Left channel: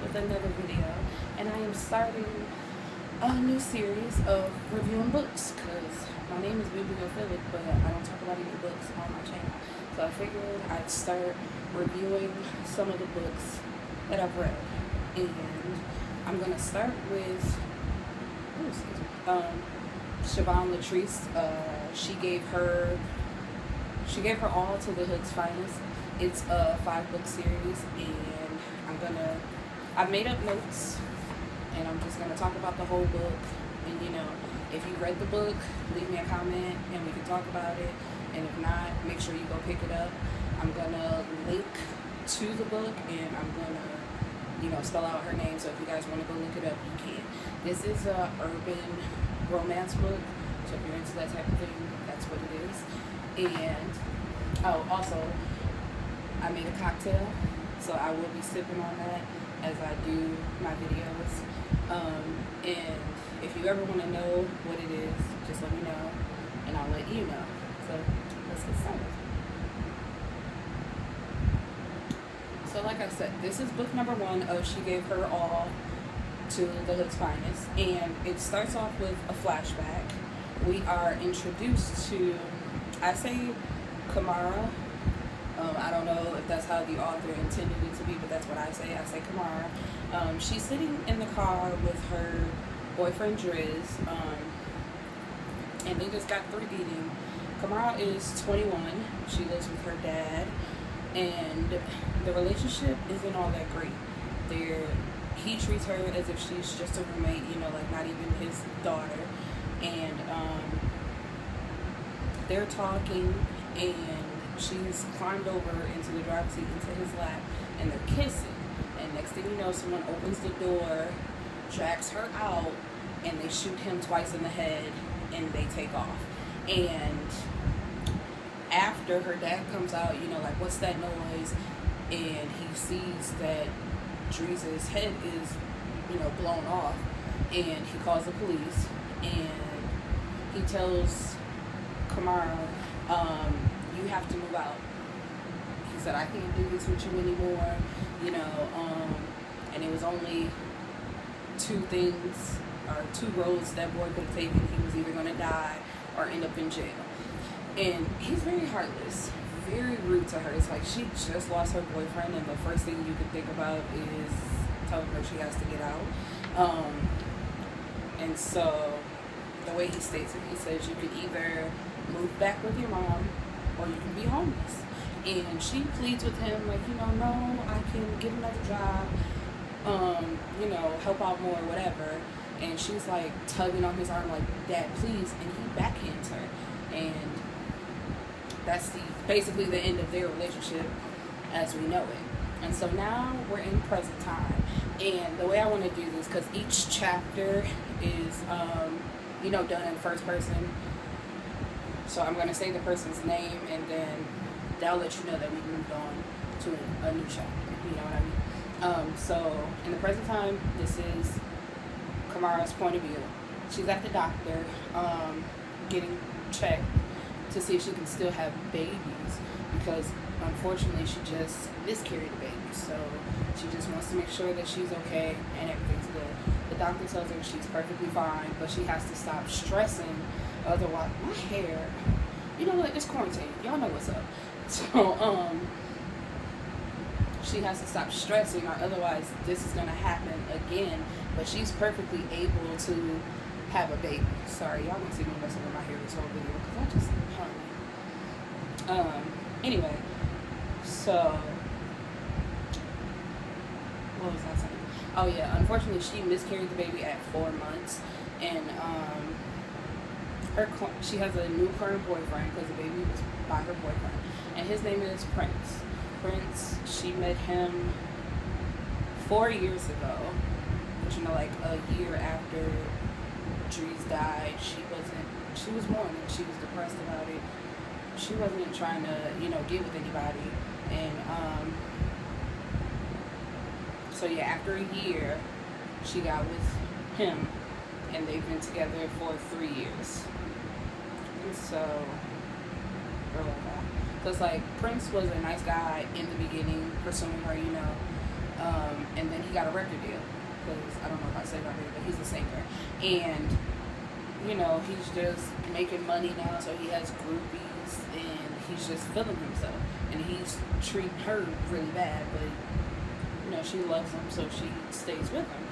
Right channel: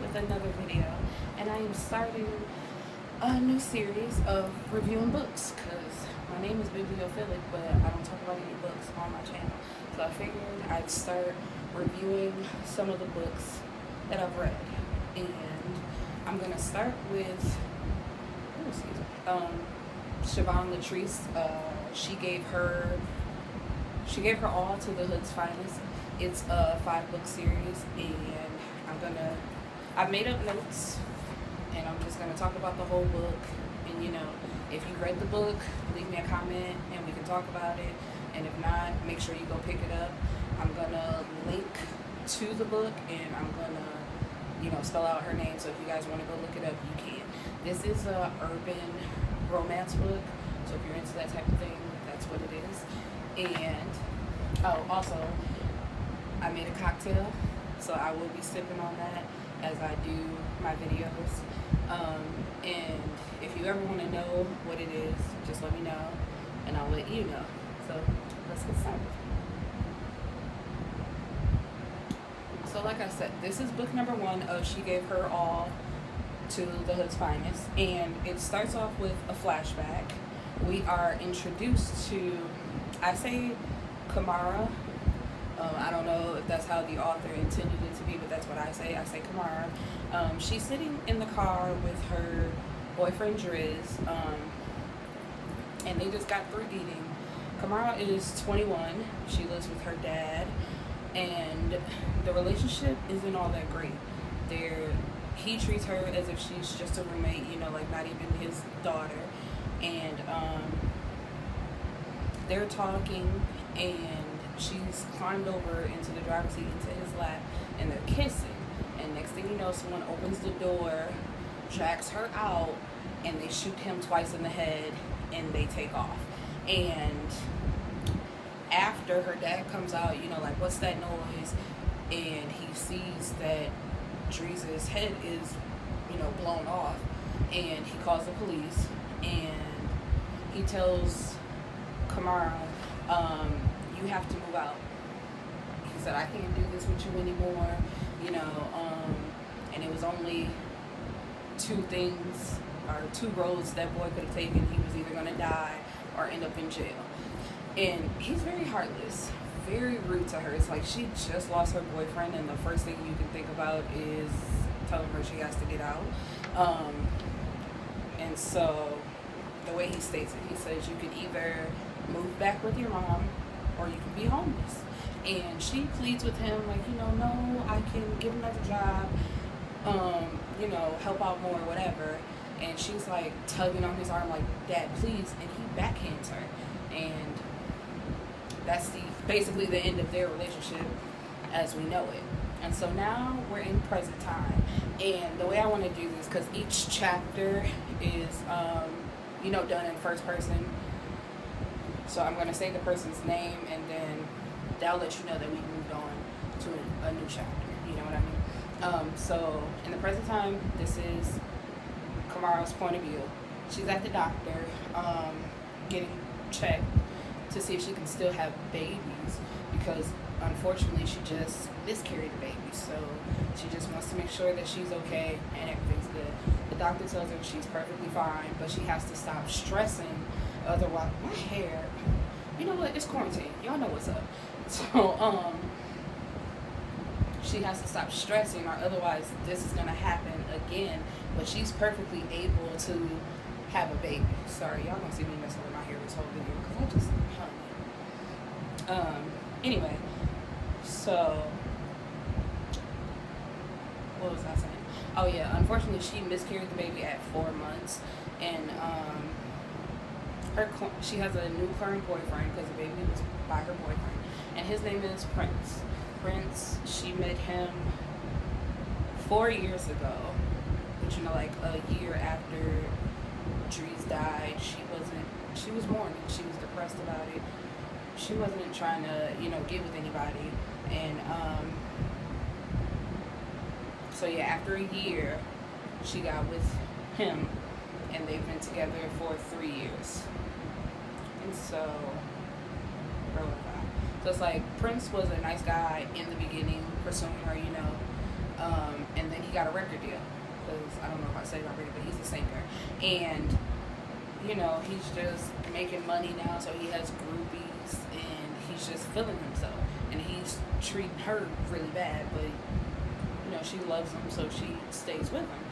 with another video, and I am starting a new series of reviewing books because my name is Bibliophilic, but I don't talk about any books on my channel. So I figured I'd start reviewing some of the books that I've read, and I'm gonna start with Siobhan Latrice. She gave her all to the Hood's Finest. It's a 5-book series, and I've made up notes, and I'm just gonna talk about the whole book. And if you read the book, leave me a comment and we can talk about it. And if not, make sure you go pick it up. I'm gonna link to the book, and I'm gonna spell out her name, so if you guys want to go look it up, you can. This is a urban romance book, so if you're into that type of thing, that's what it is. And also, I made a cocktail, so I will be sipping on that as I do my videos. And if you ever want to know what it is, just let me know, and I'll let you know. So let's get started. So like I said, this is book number 1 of She Gave Her All to the Hood's Finest, and it starts off with a flashback. We are introduced to, I say Camarih. I don't know if that's how the author intended it to be, but that's what I say. I say Camarih. She's sitting in the car with her boyfriend Driz, and they just got through eating. Camarih is 21. She lives with her dad, and the relationship isn't all that great. He treats her as if she's just a roommate, like not even his daughter. And they're talking, and she's climbed over into the driver's seat, into his lap, and they're kissing. And next thing you know, someone opens the door, drags her out, and they shoot him twice in the head, and they take off. And after her dad comes out, like, what's that noise? And he sees that Driz's head is, blown off, and he calls the police, and he tells Camarih, you have to move out. He said, I can't do this with you anymore, and it was only 2 things, or 2 roads that boy could have taken. He was either going to die or end up in jail. And he's very heartless, very rude to her. It's like she just lost her boyfriend, and the first thing you can think about is telling her she has to get out. And so the way he states it, he says you could either move back with your mom or you can be homeless. And she pleads with him like, no, I can get another job, help out more, whatever. And she's like tugging on his arm like, Dad, please. And he backhands her. And that's basically the end of their relationship as we know it. And so now we're in present time. And the way I want to do this, because each chapter is, done in first person. So I'm going to say the person's name, and then that'll let you know that we've moved on to a new chapter. You know what I mean? So in the present time, this is Camarih's point of view. She's at the doctor, getting checked to see if she can still have babies, because unfortunately she just miscarried a baby. So she just wants to make sure that she's okay and everything's good. The doctor tells her she's perfectly fine, but she has to stop stressing, otherwise my hair, you know what, it's quarantine, y'all know what's up. So she has to stop stressing, or otherwise this is gonna happen again. But she's perfectly able to have a baby. Sorry, y'all gonna see me messing with my hair this whole video because I just honey. Anyway, so what was I saying? Oh yeah, unfortunately she miscarried the baby at 4 months, and she has a new current boyfriend because the baby was by her boyfriend, and his name is Prince. She met him 4 years ago, but like a year after Driz died, she was mourning, she was depressed about it. She wasn't trying to, get with anybody. And so yeah, after a year, she got with him, and they've been together for 3 years. And so, so it's like Prince was a nice guy in the beginning, pursuing her, and then he got a record deal, because I don't know if I said it already, but he's a singer, and he's just making money now, so he has groupies, and he's just feeling himself, and he's treating her really bad, but she loves him, so she stays with him.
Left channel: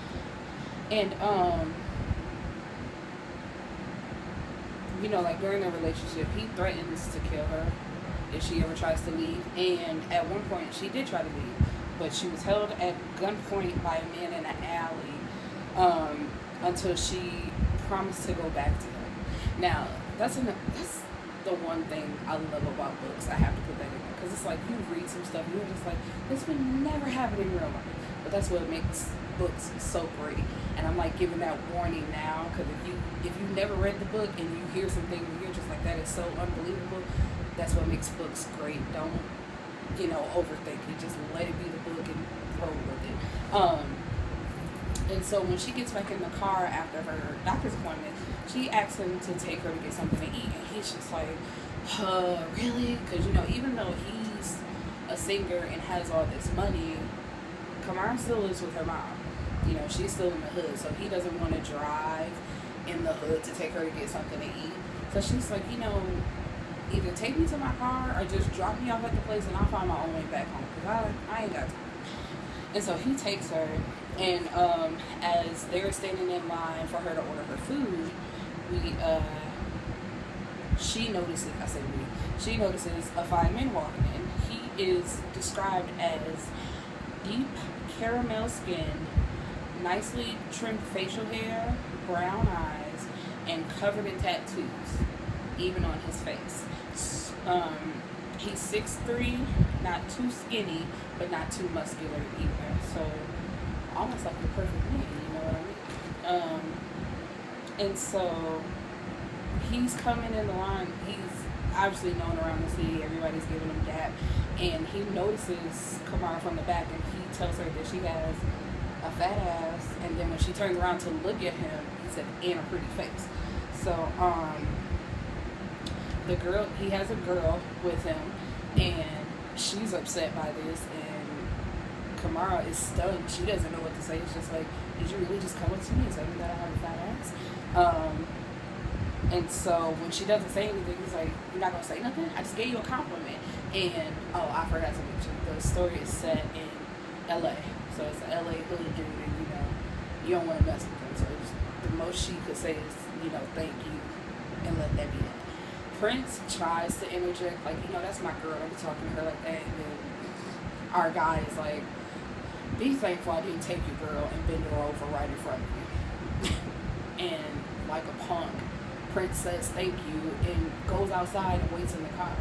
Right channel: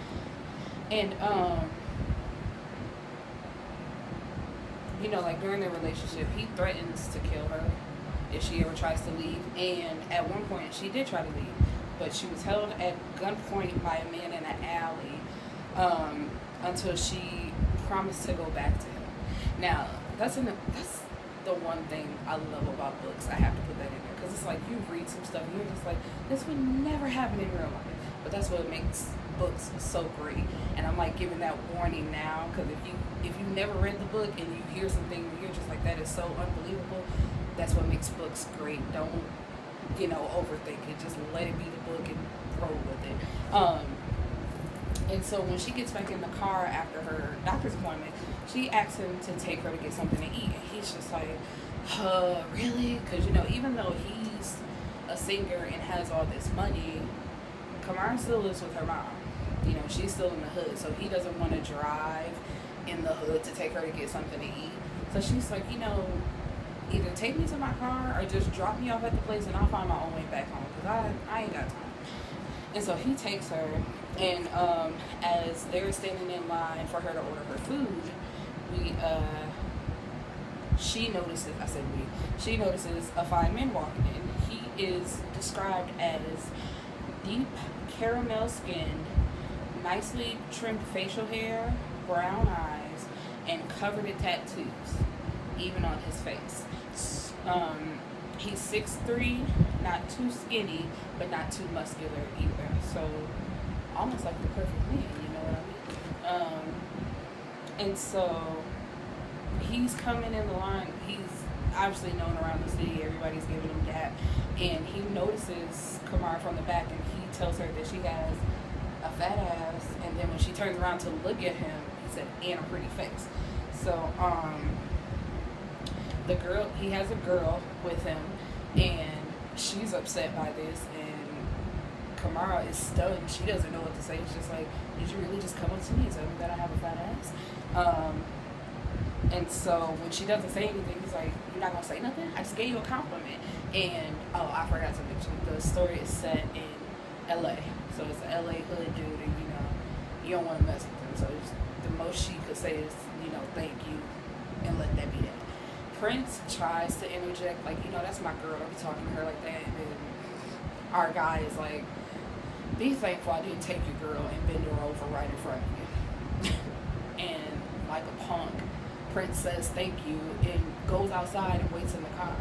And like during their relationship, he threatens to kill her if she ever tries to leave, and at one point she did try to leave, but she was held at gunpoint by a man in an alley until she promised to go back to him. Now, that's the one thing I love about books. I have to put that in there, because it's like you read some stuff and you're just like, this would never happen in real life, but that's what makes books so great. And I'm like giving that warning now, because if you never read the book and you hear some things and you're just like, that is so unbelievable, that's what makes books great. Don't overthink it, just let it be the book and roll with it. And so when she gets back in the car after her doctor's appointment, she asks him to take her to get something to eat, and he's just like, really? Because even though he's a singer and has all this money, Camarih still lives with her mom. She's still in the hood, so he doesn't want to drive in the hood to take her to get something to eat. So she's like, either take me to my car or just drop me off at the place and I'll find my own way back home, because I ain't got time. And so he takes her, and as they're standing in line for her to order her food, she notices a fine man walking in. He is described as deep caramel skin, nicely trimmed facial hair, brown eyes, and covered in tattoos, even on his face. He's 6'3", not too skinny, but not too muscular either. So almost like the perfect man, you know what I mean? And so he's coming in the line. He's obviously known around the city. Everybody's giving him dap. And he notices Camarih from the back, and he tells her that she has a fat ass. And then when she turns around to look at him, he said, and a pretty face. So, he has a girl with him, and she's upset by this, and Camarih is stunned. She doesn't know what to say. It's just like, did you really just come up to me and tell me that I have a fat ass? And so when she doesn't say anything, he's like, you're not gonna say nothing? I just gave you a compliment. And I forgot to mention, the story is set in LA, so it's an LA hood dude, and you don't want to mess with them, so the most she could say is, thank you, and let that be that. Prince tries to interject, like, that's my girl, don't be talking to her like that. And then our guy is like, be thankful I didn't take your girl and bend her over right in front of you. And like a punk, Prince says thank you and goes outside and waits in the car.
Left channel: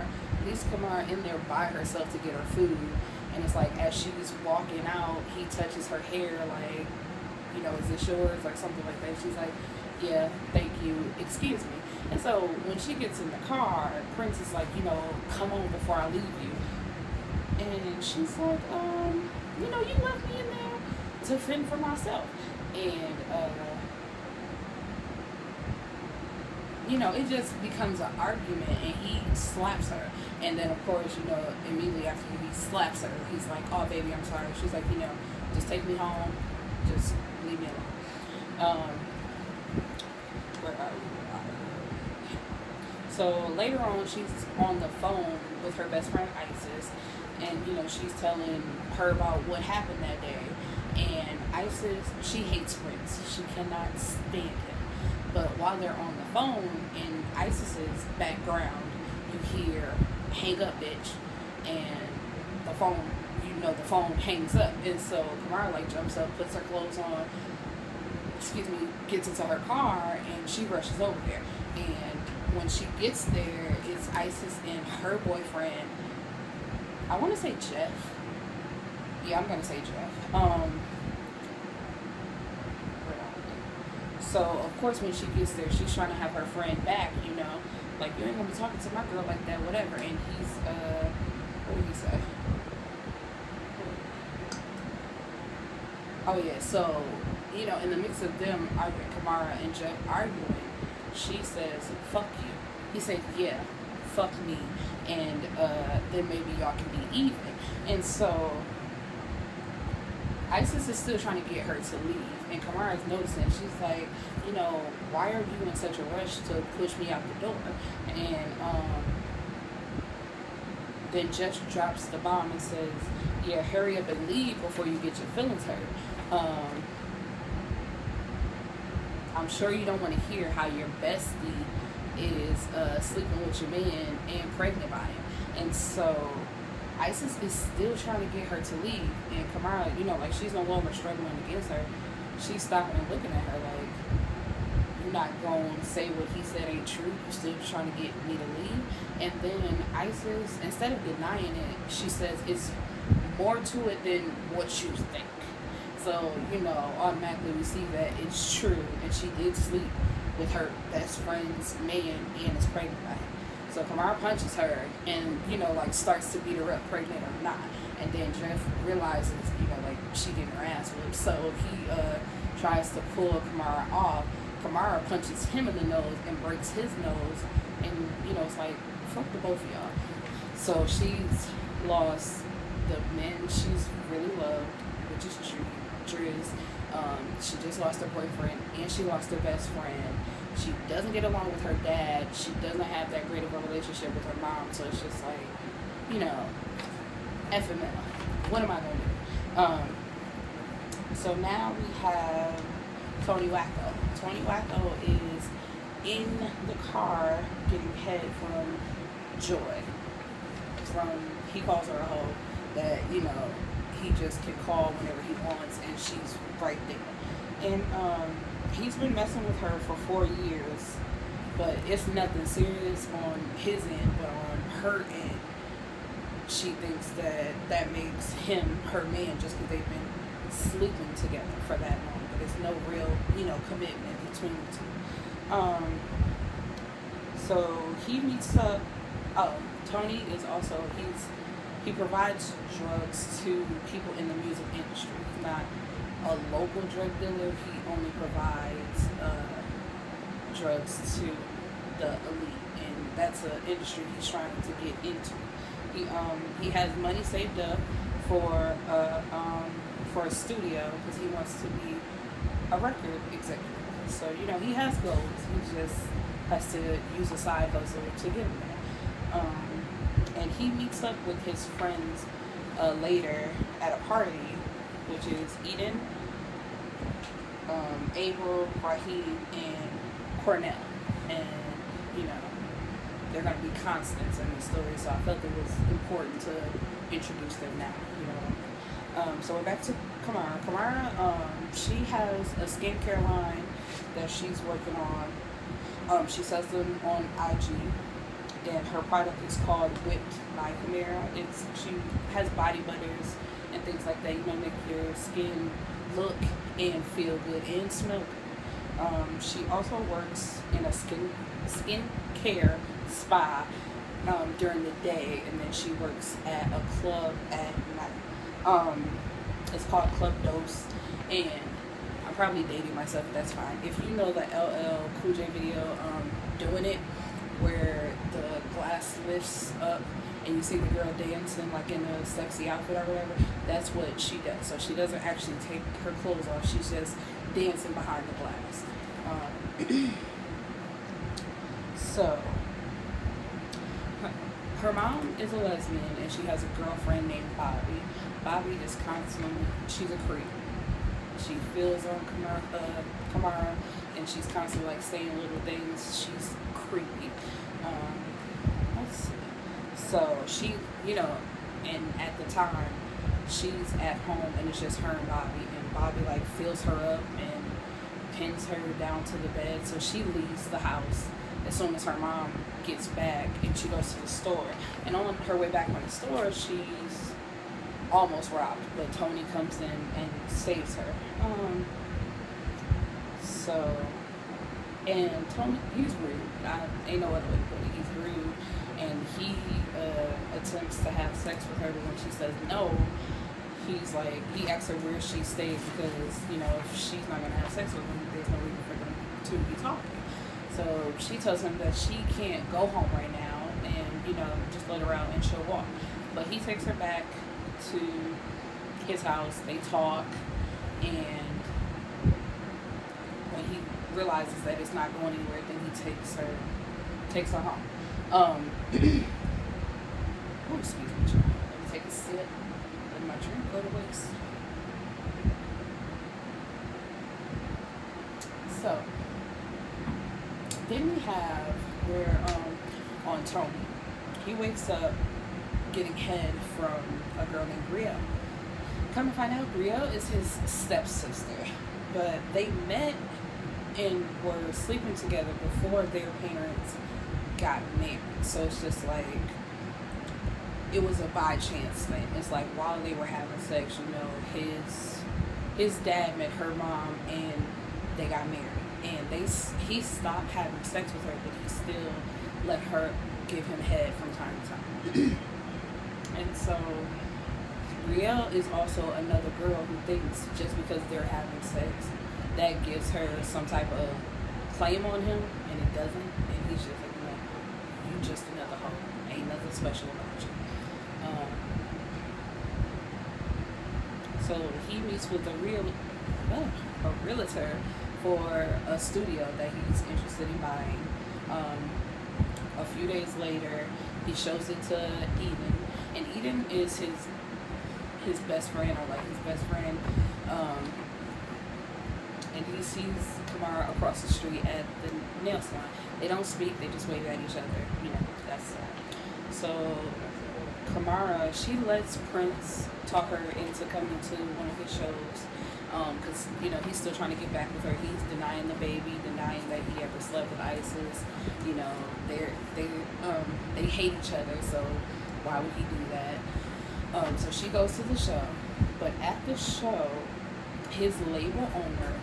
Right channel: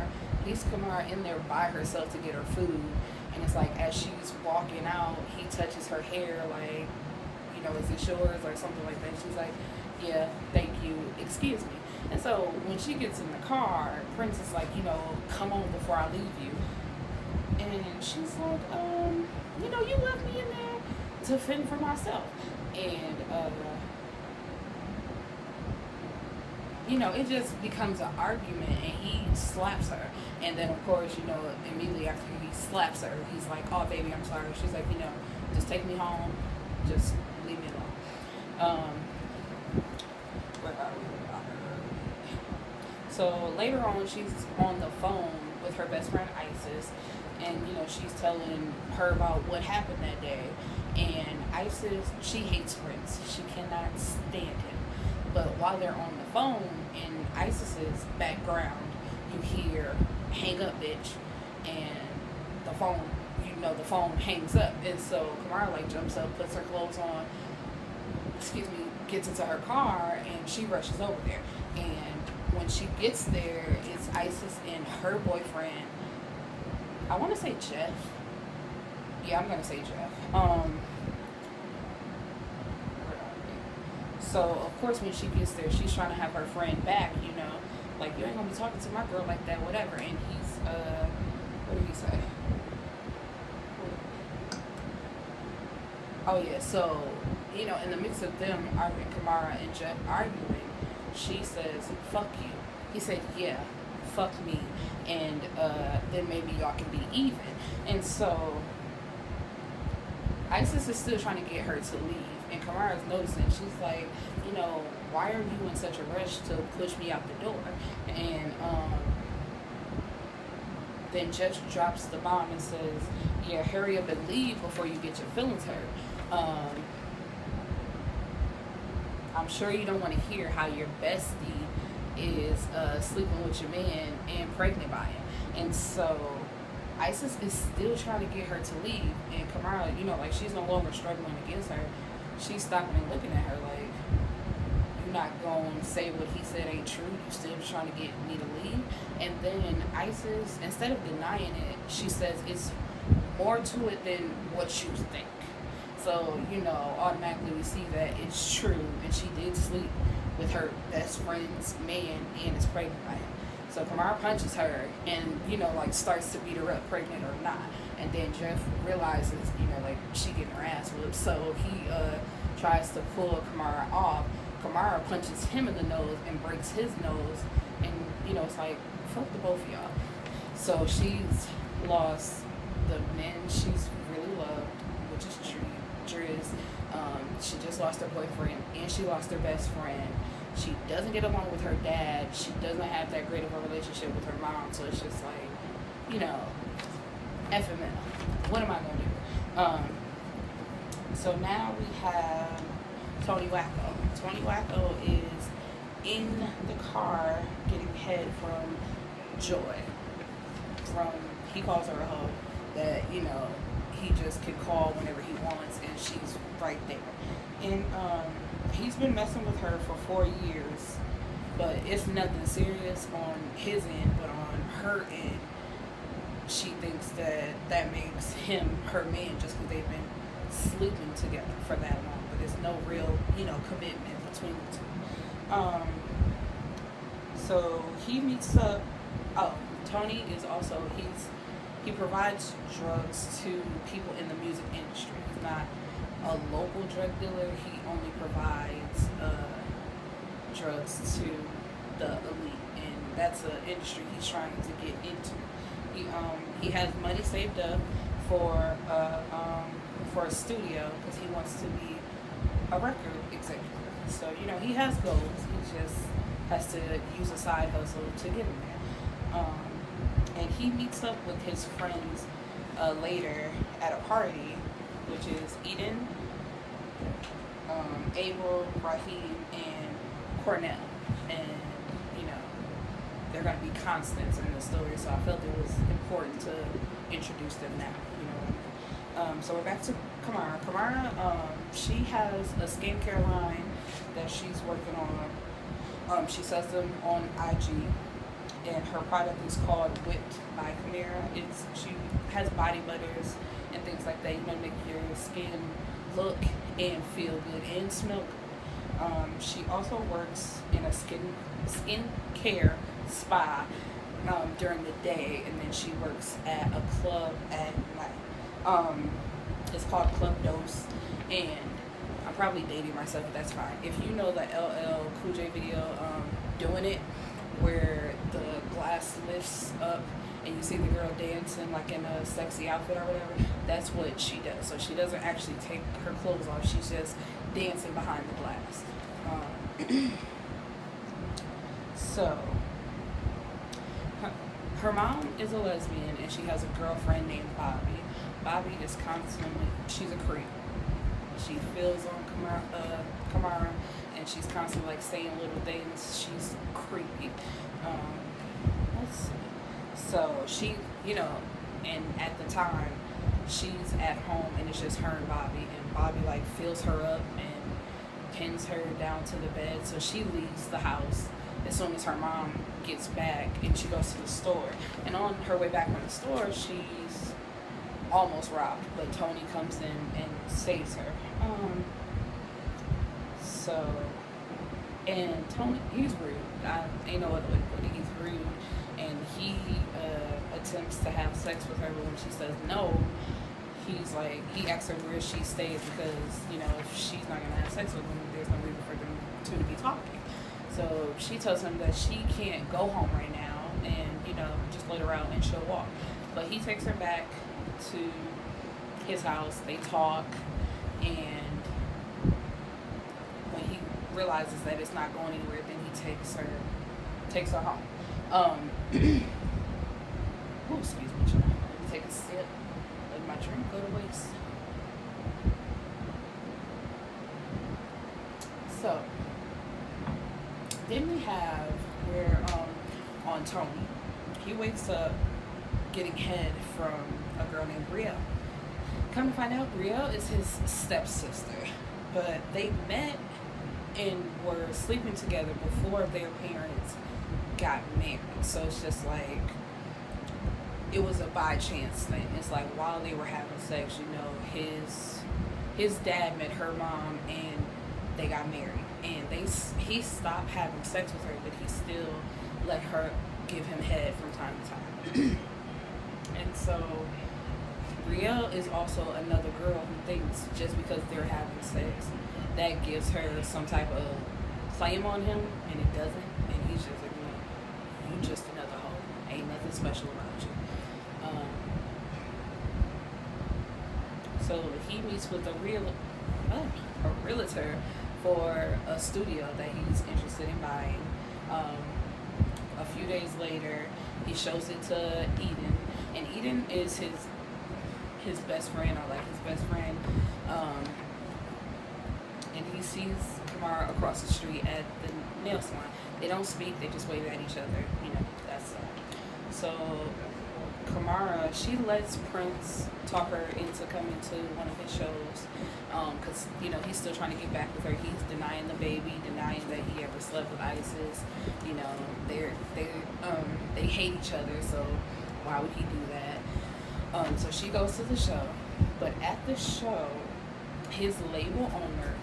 Leaves Camarih in there by herself to get her food. And it's like, as she's walking out, he touches her hair, like, is this yours, or something like that. She's like, yeah, thank you, excuse me. And so when she gets in the car, Prince is like, come on before I leave you. And she's like, you left me in there to fend for myself. And, it just becomes an argument, and he slaps her. And then, of course, immediately after he slaps her, he's like, oh, baby, I'm sorry. She's like, just take me home. Just leave me alone. Where are we? So later on, she's on the phone with her best friend Isis, and she's telling her about what happened that day. And Isis, she hates Prince. She cannot stand him. But while they're on the phone, in Isis's background, you hear "hang up, bitch," and the phone, the phone hangs up. And so Camarih jumps up, puts her clothes on, gets into her car, and she rushes over there. And when she gets there, it's Isis and her boyfriend. I want to say Jeff. Yeah, I'm gonna say Jeff. Where are we? So of course, when she gets there, she's trying to have her friend back. Like, you ain't gonna be talking to my girl like that, whatever. And he's what did he say? Oh yeah. So in the mix of them arguing, Camarih and Jeff arguing, she says, fuck you. He said, yeah, fuck me. And then maybe y'all can be even. And so Isis is still trying to get her to leave, and Camarih is noticing. She's like, why are you in such a rush to push me out the door? And then Jeff drops the bomb and says, yeah, hurry up and leave before you get your feelings hurt. I'm sure you don't want to hear how your bestie is sleeping with your man and pregnant by him. And so Isis is still trying to get her to leave. And Camarih, like, she's no longer struggling against her. She's stopping and looking at her like, you're not going to say what he said ain't true. You're still trying to get me to leave. And then Isis, instead of denying it, she says it's more to it than what you think. So, automatically we see that it's true, and she did sleep with her best friend's man and is pregnant by him. So Camarih punches her and, starts to beat her up, pregnant or not. And then Jeff realizes, she getting her ass whipped. So he tries to pull Camarih off. Camarih punches him in the nose and breaks his nose. And, it's like, fuck the both of y'all. So she's lost the men she's really loved, which is Driz. She just lost her boyfriend, and she lost her best friend. She doesn't get along with her dad. She doesn't have that great of a relationship with her mom. So it's just like, FML. What am I going to do? So now we have Tony Wacko. Tony Wacko is in the car getting head from Joy. He calls her a hoe that, he just can call whenever he wants, and she's right there. And he's been messing with her for 4 years, but it's nothing serious on his end, but on her end, she thinks that makes him her man just because they've been sleeping together for that long, but there's no real, commitment between the two. So he meets up. Tony is also, he provides drugs to people in the music industry. He's not a local drug dealer. He only provides drugs to the elite, and that's an industry he's trying to get into. He has money saved up for a studio because he wants to be a record executive. So he has goals. He just has to use a side hustle to get him there. And he meets up with his friends later at a party, which is Eden, Abel, Raheem, and Cornell. And, they're going to be constants in the story, so I felt it was important to introduce them now, what I mean? So we're back to Camarih. Camarih, she has a skincare line that she's working on. She sells them on IG. And her product is called Whipped by Camarih. She has body butters and things like that, make your skin look and feel good and smell good. She also works in a skincare spa during the day, and then she works at a club at night. It's called Club Dose, and I'm probably dating myself, but that's fine. If you know the LL Cool J video, Doing It, where the glass lifts up and you see the girl dancing like in a sexy outfit or whatever, that's what she does. So she doesn't actually take her clothes off, she's just dancing behind the glass. So her mom is a lesbian, and she has a girlfriend named Bobby. Bobby is constantly, she's a creep. She feels on Camarih, and she's constantly like saying little things. She's creepy. Let's see. So she, and at the time, she's at home, and it's just her and Bobby. And Bobby like fills her up and pins her down to the bed. So she leaves the house as soon as her mom gets back, and she goes to the store. And on her way back from the store, she's almost robbed, but Tony comes in and saves her. And Tony, he's rude. Ain't no other way to put it. He's rude, and he attempts to have sex with her, but when she says no, he's like, he asks her where she stays because, if she's not gonna have sex with him, there's no reason for them two to be talking. So she tells him that she can't go home right now, and just let her out and she'll walk. But he takes her back to his house. They talk, and when he realizes that it's not going anywhere, then he takes her home. Oh, excuse me, child. Let me take a sip. Let my drink go to waste. So then we have where on Tony, he wakes up getting head from a girl named Brielle. Come to find out, Brielle is his stepsister, but they met and were sleeping together before their parents got married. So it's just like, it was a by chance thing. It's like while they were having sex, you know, his dad met her mom and they got married. And he stopped having sex with her, but he still let her give him head from time to time. And so Brielle is also another girl who thinks just because they're having sex, that gives her some type of claim on him, and it doesn't. And he's just like, you know, you just another hoe. Ain't nothing special about you. So he meets with a realtor for a studio that he's interested in buying. A few days later, he shows it to Eden, and Eden is his best friend, or like his best friend. And he sees Camarih across the street at the nail salon. They don't speak, they just wave at each other. You know, that's sad. So Camarih, she lets Prince talk her into coming to one of his shows, because you know he's still trying to get back with her. He's denying the baby, denying that he ever slept with Isis. You know, they hate each other, so why would he do that? So she goes to the show, but at the show, his label owner,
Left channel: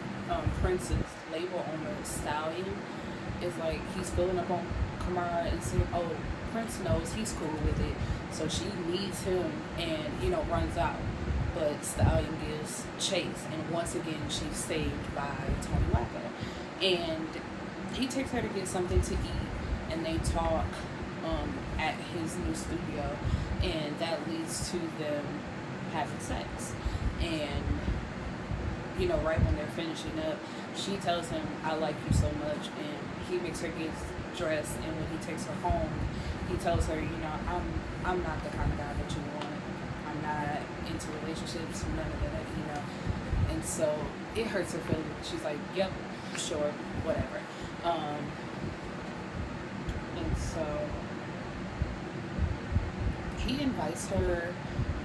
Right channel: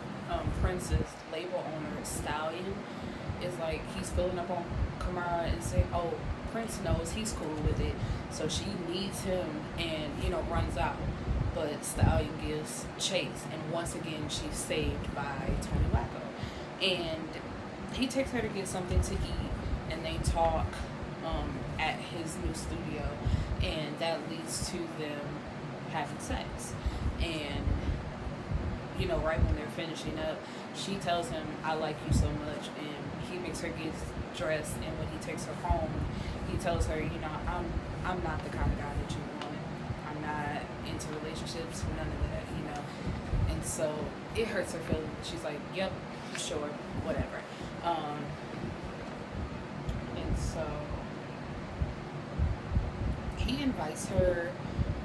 Prince's label owner, Stallion, is like, he's filling up on Camarih and saying, oh, Prince knows he's cool with it, so she needs him, and you know, runs out. But Stallion gives chase, and once again she's saved by Tony Wacko, and he takes her to get something to eat, and they talk at his new studio, and that leads to them having sex. And you know, right when they're finishing up, she tells him, I like you so much, and he makes her get dressed, and when he takes her home, he tells her, you know, I'm not the kind of guy that you want. I'm not into relationships, none of that, you know. And so it hurts her feelings. She's like, yep, sure, whatever. And so he invites her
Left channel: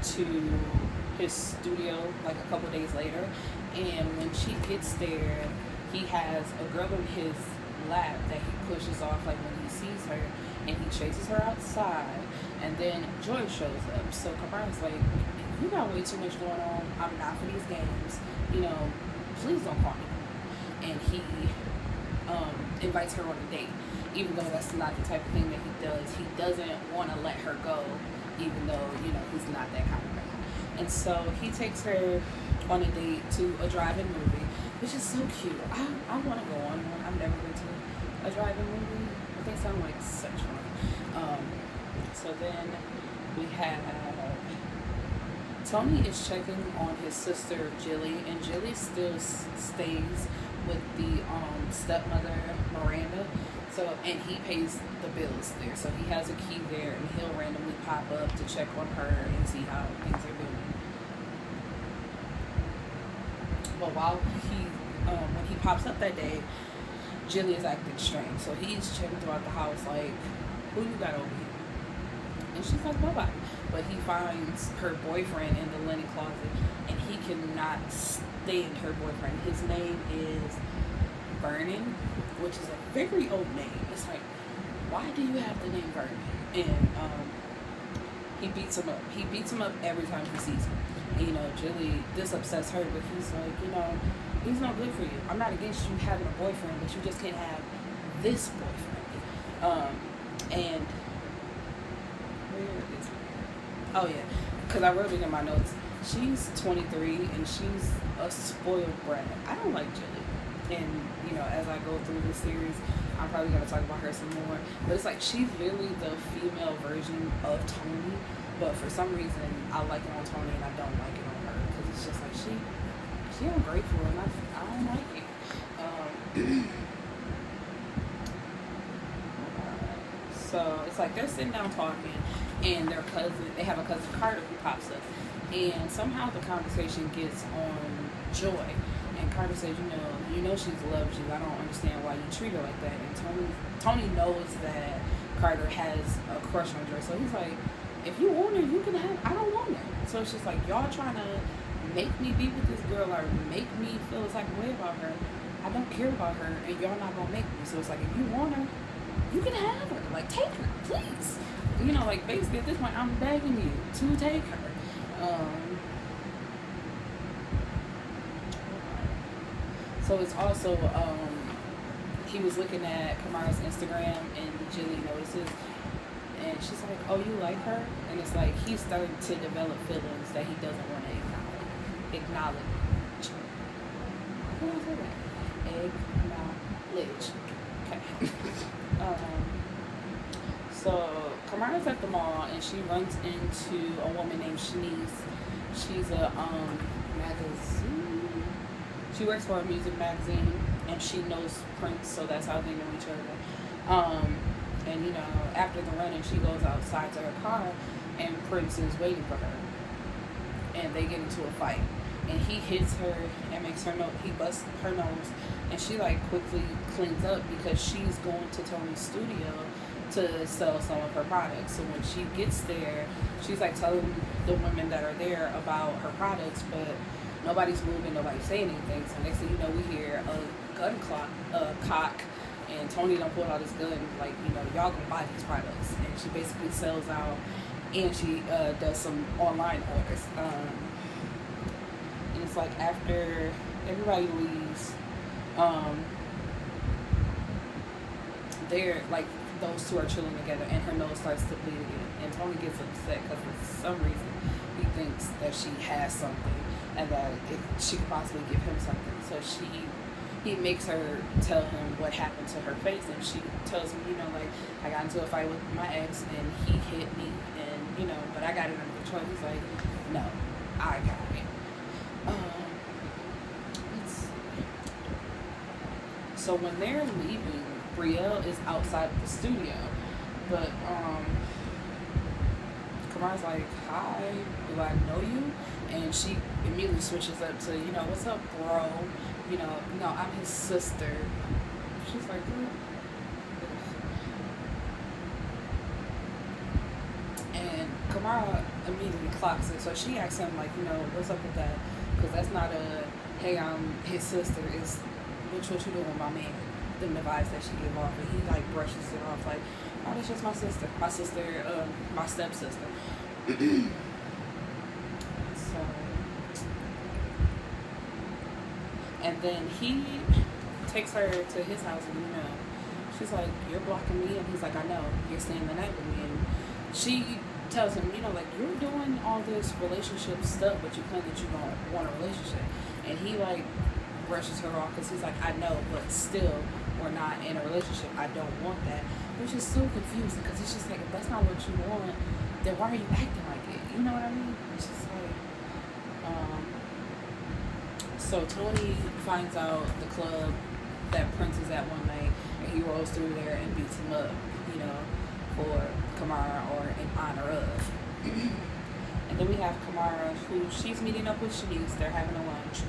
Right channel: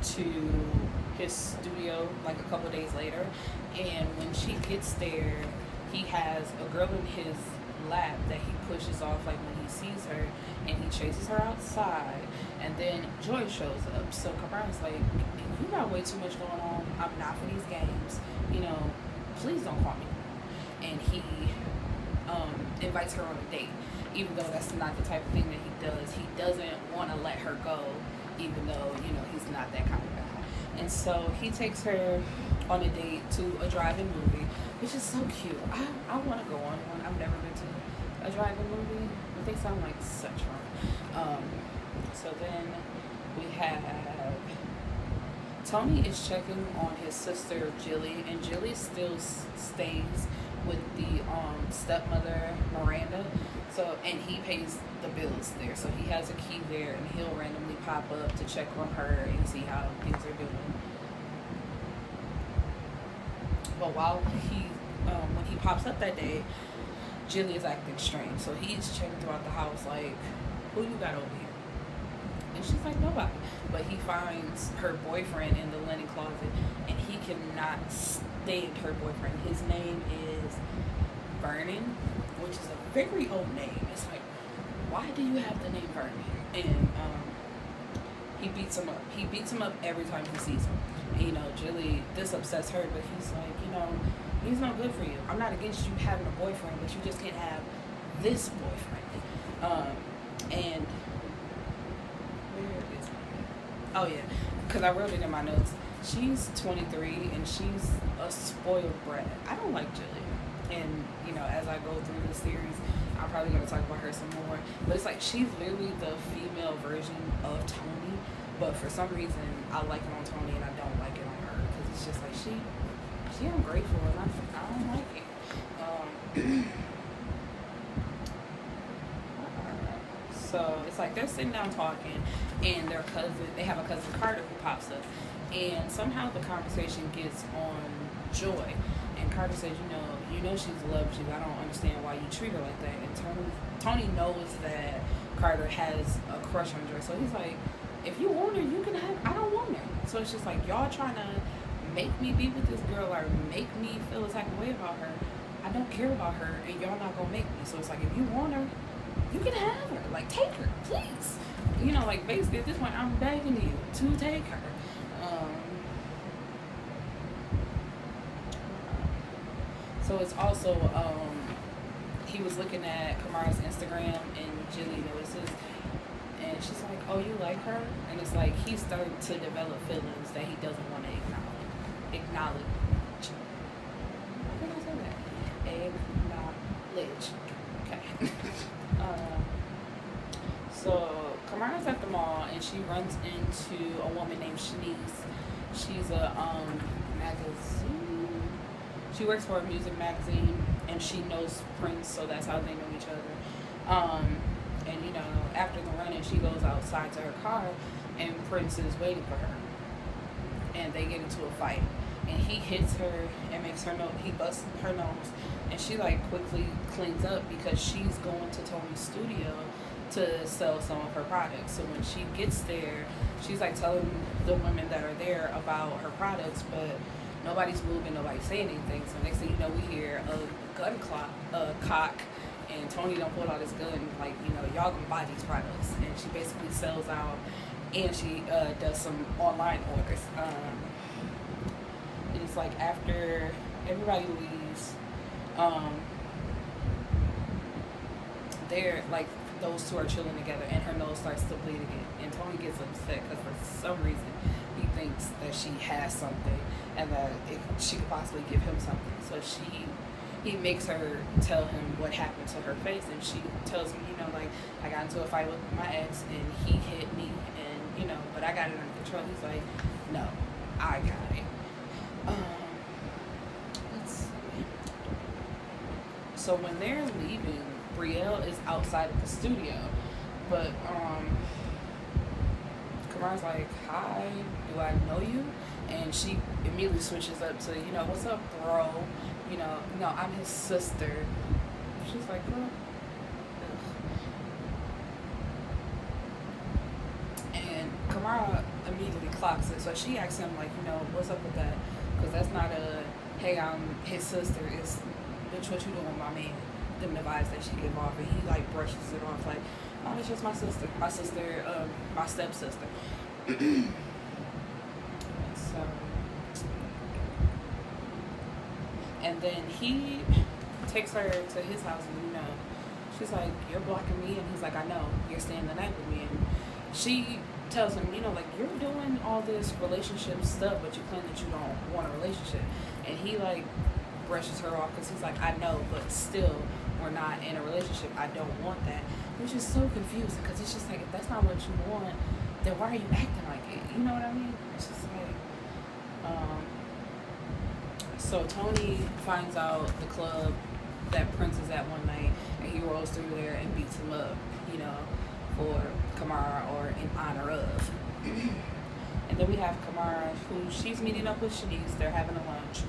to his studio like a couple days later, and when she gets there, he has a girl in his lap that he pushes off like when he sees her, and he chases her outside, and then Joy shows up. So Camarih's like, you got way too much going on, I'm not for these games, you know, please don't call me no more. And he invites her on a date, even though that's not the type of thing that he does. He doesn't want to let her go, even though, you know, he's not that kind of guy. And so he takes her on a date to a drive-in movie, which is so cute. I want to go on one. I've never been to a drive-in movie, but they sound like such fun. So then we have Tony is checking on his sister Jilly, and Jilly still stays with the stepmother Miranda. So, and he pays the bills there, so he has a key there, and he'll randomly pop up to check on her and see how things are doing. But while when he pops up that day, Jilly is acting strange, so he's checking throughout the house like, who you got over here? And she's like, nobody. But he finds her boyfriend in the linen closet, and he cannot stand her boyfriend. His name is Vernon, which is a very old name. It's like, why do you have the name Vernon? And he beats him up. He beats him up every time he sees him. And, you know, Jilly, this upsets her, but he's like, you know, he's no good for you. I'm not against you having a boyfriend, but you just can't have this boyfriend. And where is it? Oh, yeah, because I wrote it in my notes. She's 23, and she's a spoiled brat. I don't like Jilly. And, you know, as I go through this series, I'm probably going to talk about her some more. But it's like, she's literally the female version of Tony. But for some reason, I like it on Tony and I don't like it on her because it's just like she ungrateful and I don't like it. So it's like they're sitting down talking, and they have a cousin Carter who pops up, and somehow the conversation gets on Joy, and Carter says, you know she's loved you. I don't understand why you treat her like that. And Tony knows that Carter has a crush on Joy, so he's like, if you want her, you can have. I don't want her. So it's just like y'all trying to make me be with this girl or make me feel a type of way about her. I don't care about her, and y'all not gonna make me. So it's like, if you want her, you can have her. Like, take her, please. Like, basically at this point, I'm begging you to take her. So it's also, he was looking at Camarih's Instagram, and Jilly notices, and she's like, oh, you like her? And it's like, he's starting to develop feelings that he doesn't want to acknowledge. How can I say that? Acknowledge. Okay. So Camarih's at the mall, and she runs into a woman named Shanice. She's a magazine. She works for a music magazine, and she knows Prince, so that's how they know each other. And after the run-in, she goes outside to her car, and Prince is waiting for her, and they get into a fight. And he hits her and he busts her nose, and she like quickly cleans up because she's going to Tony's studio to sell some of her products. So when she gets there, she's like telling the women that are there about her products, but nobody's moving, nobody's saying anything. So next thing you know, we hear a gun cock, and Tony don't pull out his gun like, y'all gonna buy these products. And she basically sells out, and she does some online orders. And it's like after everybody leaves, they're like, those two are chilling together, and her nose starts to bleed again. And Tony gets upset because for some reason he thinks that she has something and that she could possibly give him something. So he makes her tell him what happened to her face, and she tells him, like, I got into a fight with my ex and he hit me, and but I got it under control. He's like, no, I got it. Let's see. So when they're leaving, Brielle is outside of the studio, but Camarih's like, hi, do I know you? And she immediately switches up to, what's up, bro? No, I'm his sister. She's like, girl. And Camarih immediately clocks it, so she asks him, like, what's up with that? Because that's not a, hey, I'm his sister. It's, bitch, what you doing with my man? Them the vibes that she give off, and he like brushes it off like, oh, that's just my sister, my stepsister. So, and then he takes her to his house, and she's like, you're blocking me, and he's like, I know, you're staying the night with me. And she tells him, like, you're doing all this relationship stuff, but you claim that you don't want a relationship. And he like brushes her off because he's like, I know, but still, we're not in a relationship. I don't want that. Which is so confusing because it's just like, if that's not what you want, then why are you acting like it? You know what I mean? It's just like, so Tony finds out the club that Prince is at one night, and he rolls through there and beats him up, for Camarih or in honor of. And then we have Camarih, who she's meeting up with Shanice. They're having a lunch.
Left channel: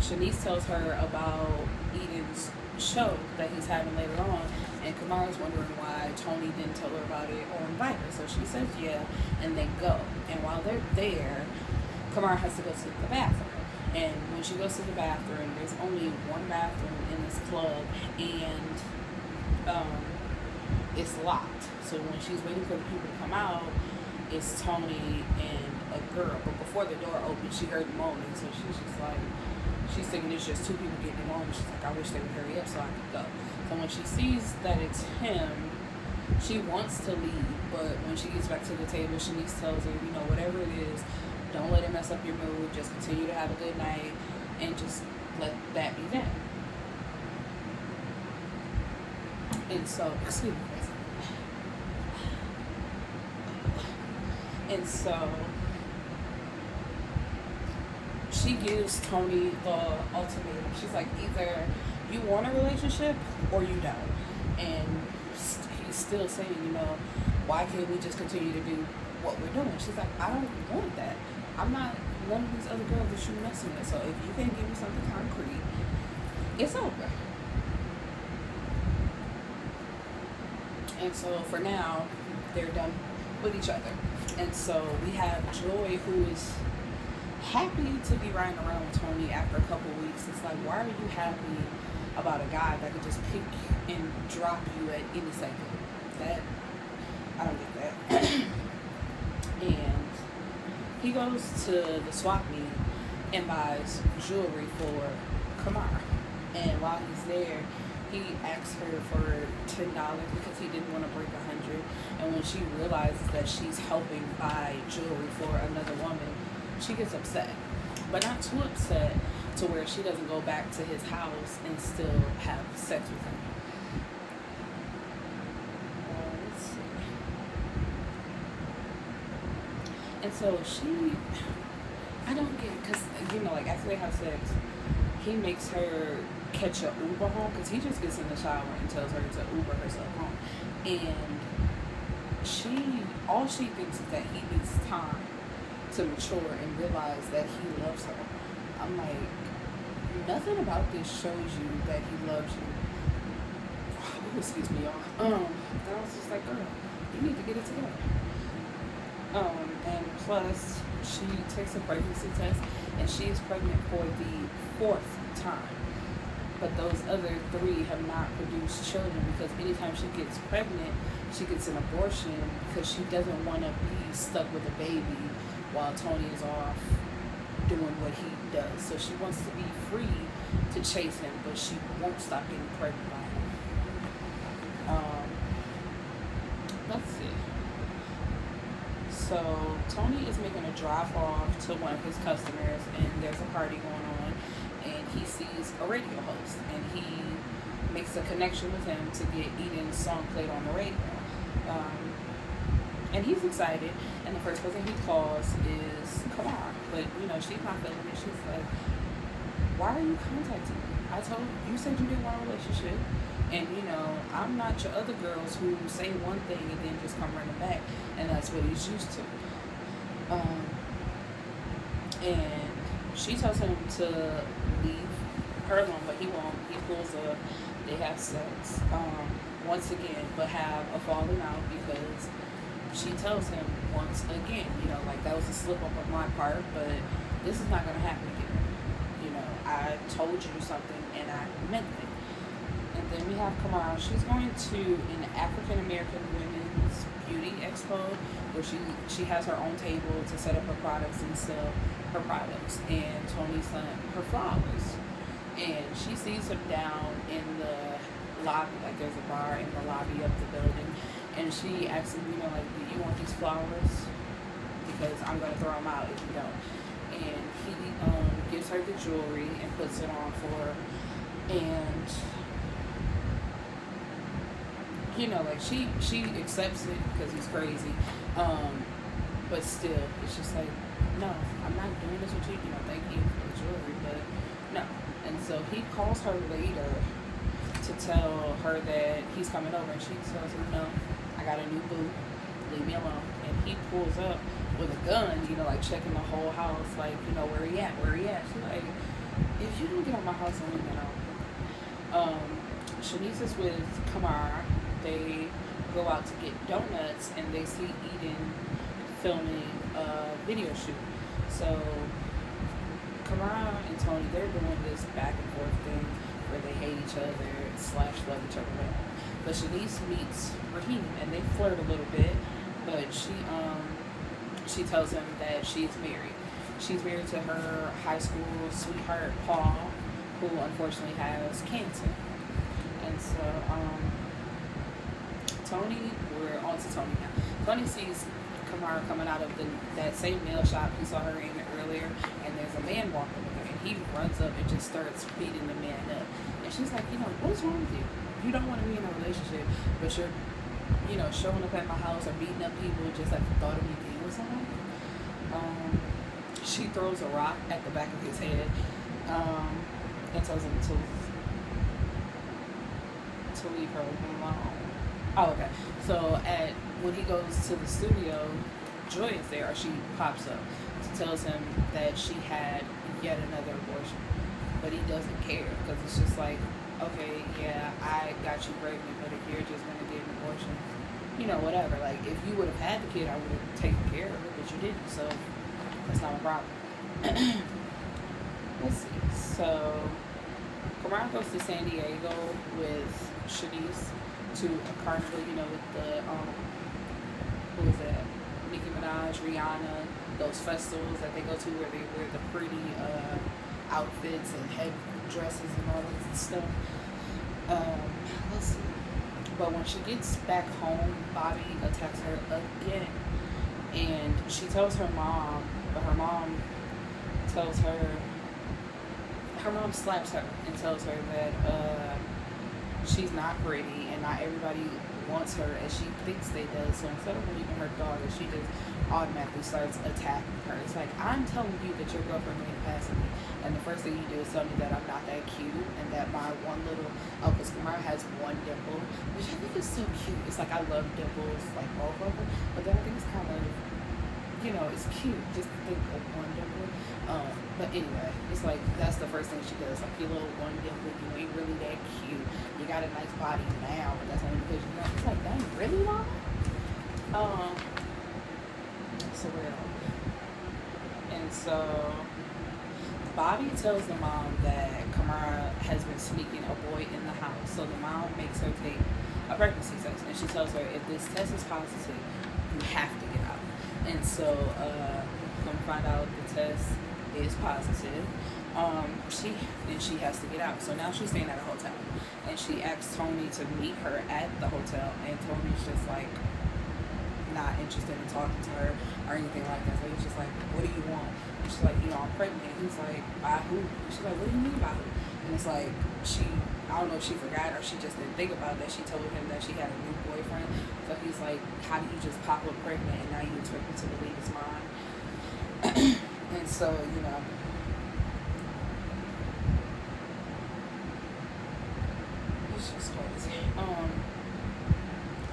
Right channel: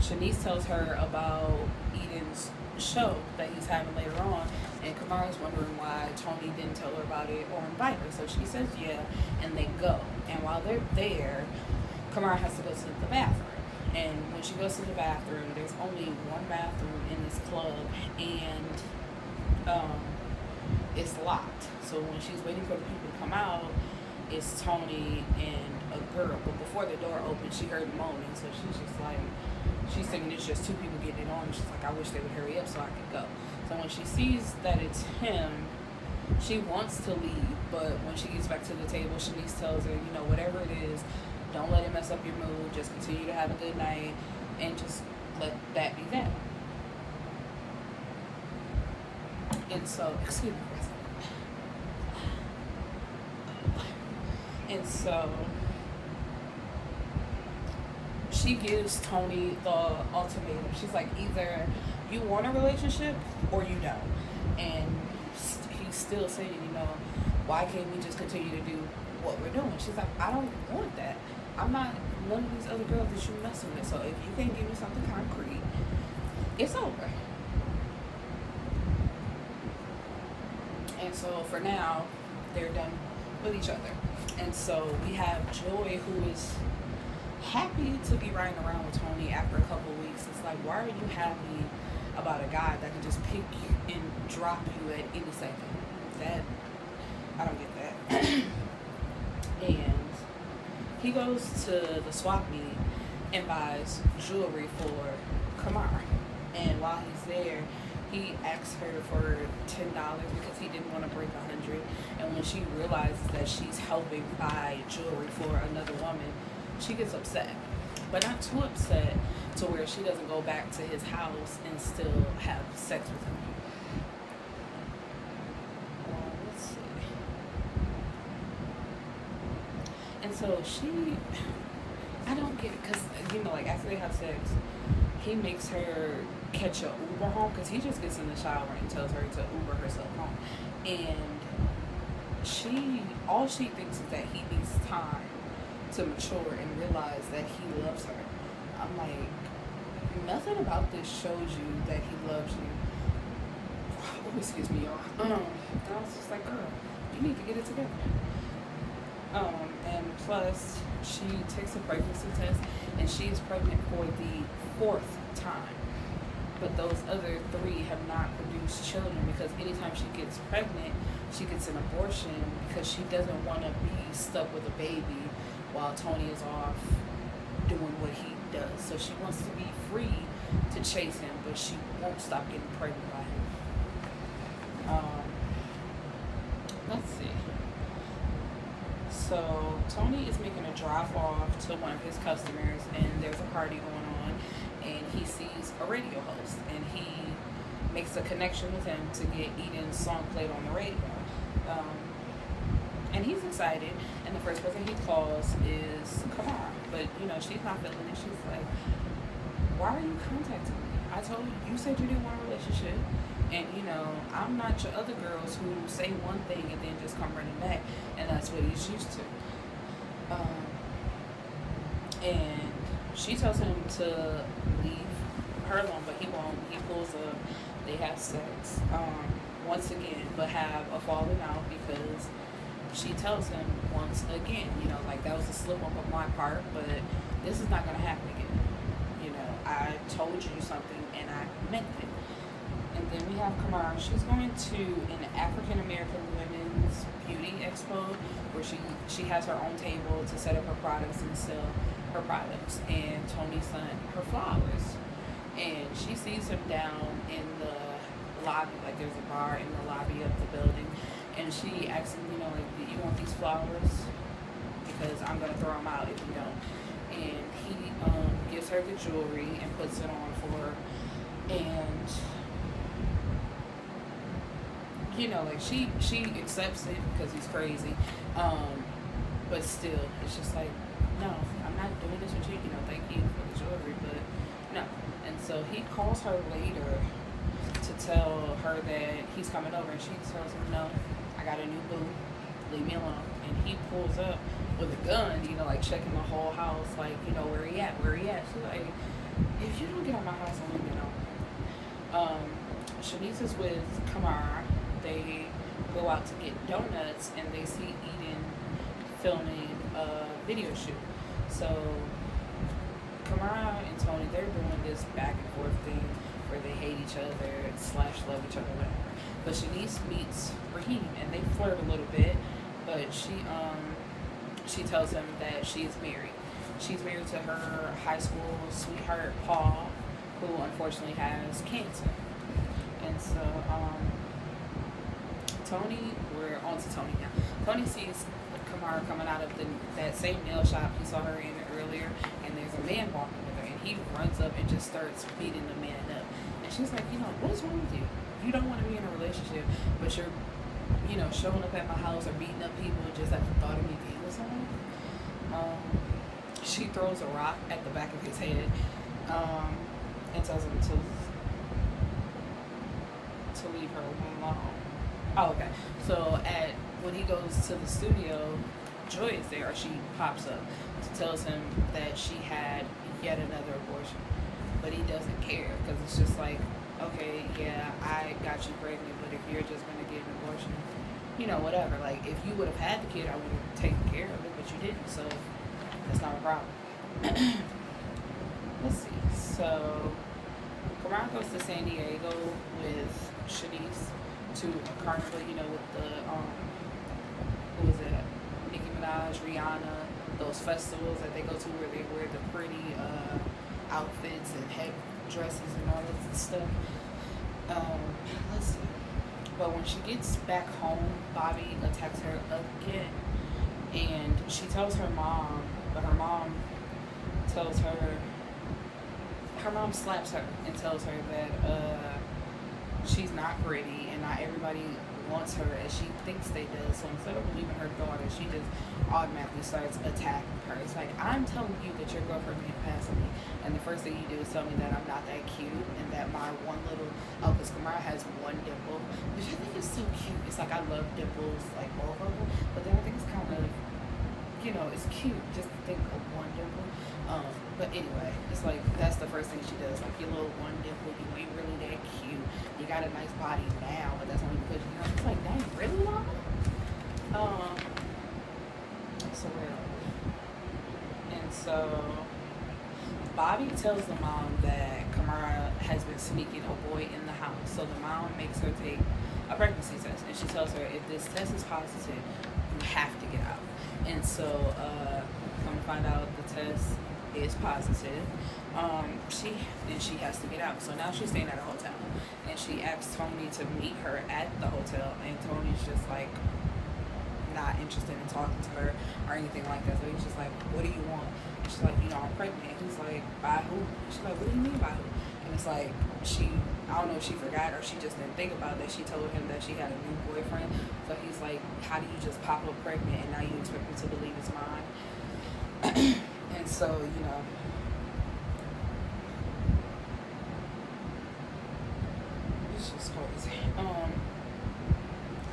Shanice tells her about Eden's show that he's having later on, and Camarih's wondering why Tony didn't tell her about it or invite her. So she says yeah, and they go. And while they're there, Camarih has to go to the bathroom. And when she goes to the bathroom, there's only one bathroom in this club, and it's locked. So when she's waiting for the people to come out, it's Tony and a girl. But before the door opened, she heard moaning, so she's just like, she's thinking it's just two people getting it on, and she's like, I wish they would hurry up so I could go. So when she sees that it's him, she wants to leave, but when she gets back to the table, Shanice tells her, whatever it is, don't let it mess up your mood, just continue to have a good night, and just let that be that. And so, excuse me. And so she gives Tony the ultimatum. She's like, either you want a relationship or you don't. And he's still saying, why can't we just continue to do what we're doing? She's like, I don't want that. I'm not one of these other girls that you're messing with. So if you can't give me something concrete, it's over. And so for now, they're done with each other. And so we have Joy, who is happy to be riding around with Tony after a couple weeks. It's like, why are you happy about a guy that could just pick and drop you at any second? That, I don't get that. And he goes to the swap meet and buys jewelry for Camarih. And while he's there, he asks her for $10 because he didn't want to break 100. And when she realizes that she's helping buy jewelry for another woman, she gets upset, but not too upset to where she doesn't go back to his house and still have sex with him. Let's see. And so I don't get it, because, after they have sex, he makes her catch an Uber home, because he just gets in the shower and tells her to Uber herself home. And all she thinks is that he needs time to mature and realize that he loves her. I'm like, nothing about this shows you that he loves you. Oh, excuse me, y'all. And I was just like, girl, you need to get it together. And plus, she takes a pregnancy test, and she is pregnant for the 4th time. But those other 3 have not produced children, because anytime she gets pregnant, she gets an abortion because she doesn't want to be stuck with a baby while Tony is off doing what he does. So she wants to be free to chase him, but she won't stop getting pregnant by him. Let's see. So Tony is making a drive off to one of his customers, and there's a party going on, and he sees a radio host, and he makes a connection with him to get Eden's song played on the radio. And he's excited, and the first person he calls is Camarih, but she's not feeling it. She's like, why are you contacting me? I told you said you didn't want a relationship, and I'm not your other girls who say one thing and then just come running back, and that's what he's used to. And she tells him to leave her alone, but he won't. He pulls up, they have sex once again, but have a falling out because she tells him once again, that was a slip up on my part, but this is not going to happen again. I told you something and I meant it. And then we have Camarih. She's going to an African American women's beauty expo where she has her own table to set up her products and sell her products. And Tony sent her flowers. And she sees him down in the lobby, like there's a bar in the lobby of the building. And she asks him, do you want these flowers? Because I'm going to throw them out if you don't. And he gives her the jewelry and puts it on for her. And she accepts it because he's crazy. But still, it's just like, no, I'm not doing this with you. Thank you for the jewelry, but no. And so he calls her later to tell her that he's coming over, and she tells him, no, I got a new boo, leave me alone. And he pulls up with a gun, checking the whole house, where he at? She's like, if you don't get out of my house, don't leave me alone. Shanice is with Camarih. They go out to get donuts, and they see Eden filming a video shoot. So Camarih and Tony, they're doing this back and forth thing where they hate each other / love each other, whatever. But Shanice meets Raheem, and they flirt a little bit, but she tells him that she is married. She's married to her high school sweetheart, Paul, who unfortunately has cancer. And so we're on to Tony now. Tony sees Camarih coming out of that same nail shop he saw her in earlier, and there's a man walking with her, and he runs up and just starts beating the man up. And she's like, what is wrong with you? You don't want to be in a relationship, but you're showing up at my house or beating up people just at the thought of me being with somebody. She throws a rock at the back of his head, and tells him to leave her alone. Oh, okay. So when he goes to the studio, Joy is there, or she pops up, tells him that she had yet another abortion, but he doesn't care because it's just like, okay, yeah, I got you pregnant, but if you're just gonna get an abortion, whatever. Like, if you would have had the kid, I would have taken care of it, but you didn't, so that's not my problem. Let's see. So Camarih goes to San Diego with Shanice to a carnival, with the who was that? Nicki Minaj, Rihanna, those festivals that they go to where they wear the pretty outfits and head dresses and all that stuff. Let's see. But when she gets back home, Bobby attacks her again, and she tells her mom, but her mom slaps her and tells her that she's not pretty and not everybody wants her as she thinks they do. So instead of believing her daughter, she just automatically starts attacking her. It's like, I'm telling you that your girlfriend made past me, and the first thing you do is tell me that I'm not that cute, and that my one little, because Camarih has one dimple, which I think is so cute. It's like, I love dimples, like both of them, but then I think it's kind of, it's cute just to think of one dimple. But anyway, it's like, that's the first thing she does. Like, your little one dimple, you ain't really that cute. You got a nice body now, but that's only because it's like, dang, really, mama? So where are we? And so Bobby tells the mom that Camarih has been sneaking a boy in the house. So the mom makes her take a pregnancy test, and she tells her, if this test is positive, you have to get out. And so come to find out, the test is positive. She has to get out. So now she's staying at a hotel, and she asks Tony to meet her at the hotel, and Tony's just like not interested in talking to her or anything like that. So he's just like, what do you want? And she's like, I'm pregnant. He's like, by who? She's like, what do you mean by who? And it's like, I don't know if she forgot or she just didn't think about that. She told him that she had a new boyfriend. So he's like, how do you just pop up pregnant and now you expect me to believe it's mine? And so, it's just crazy.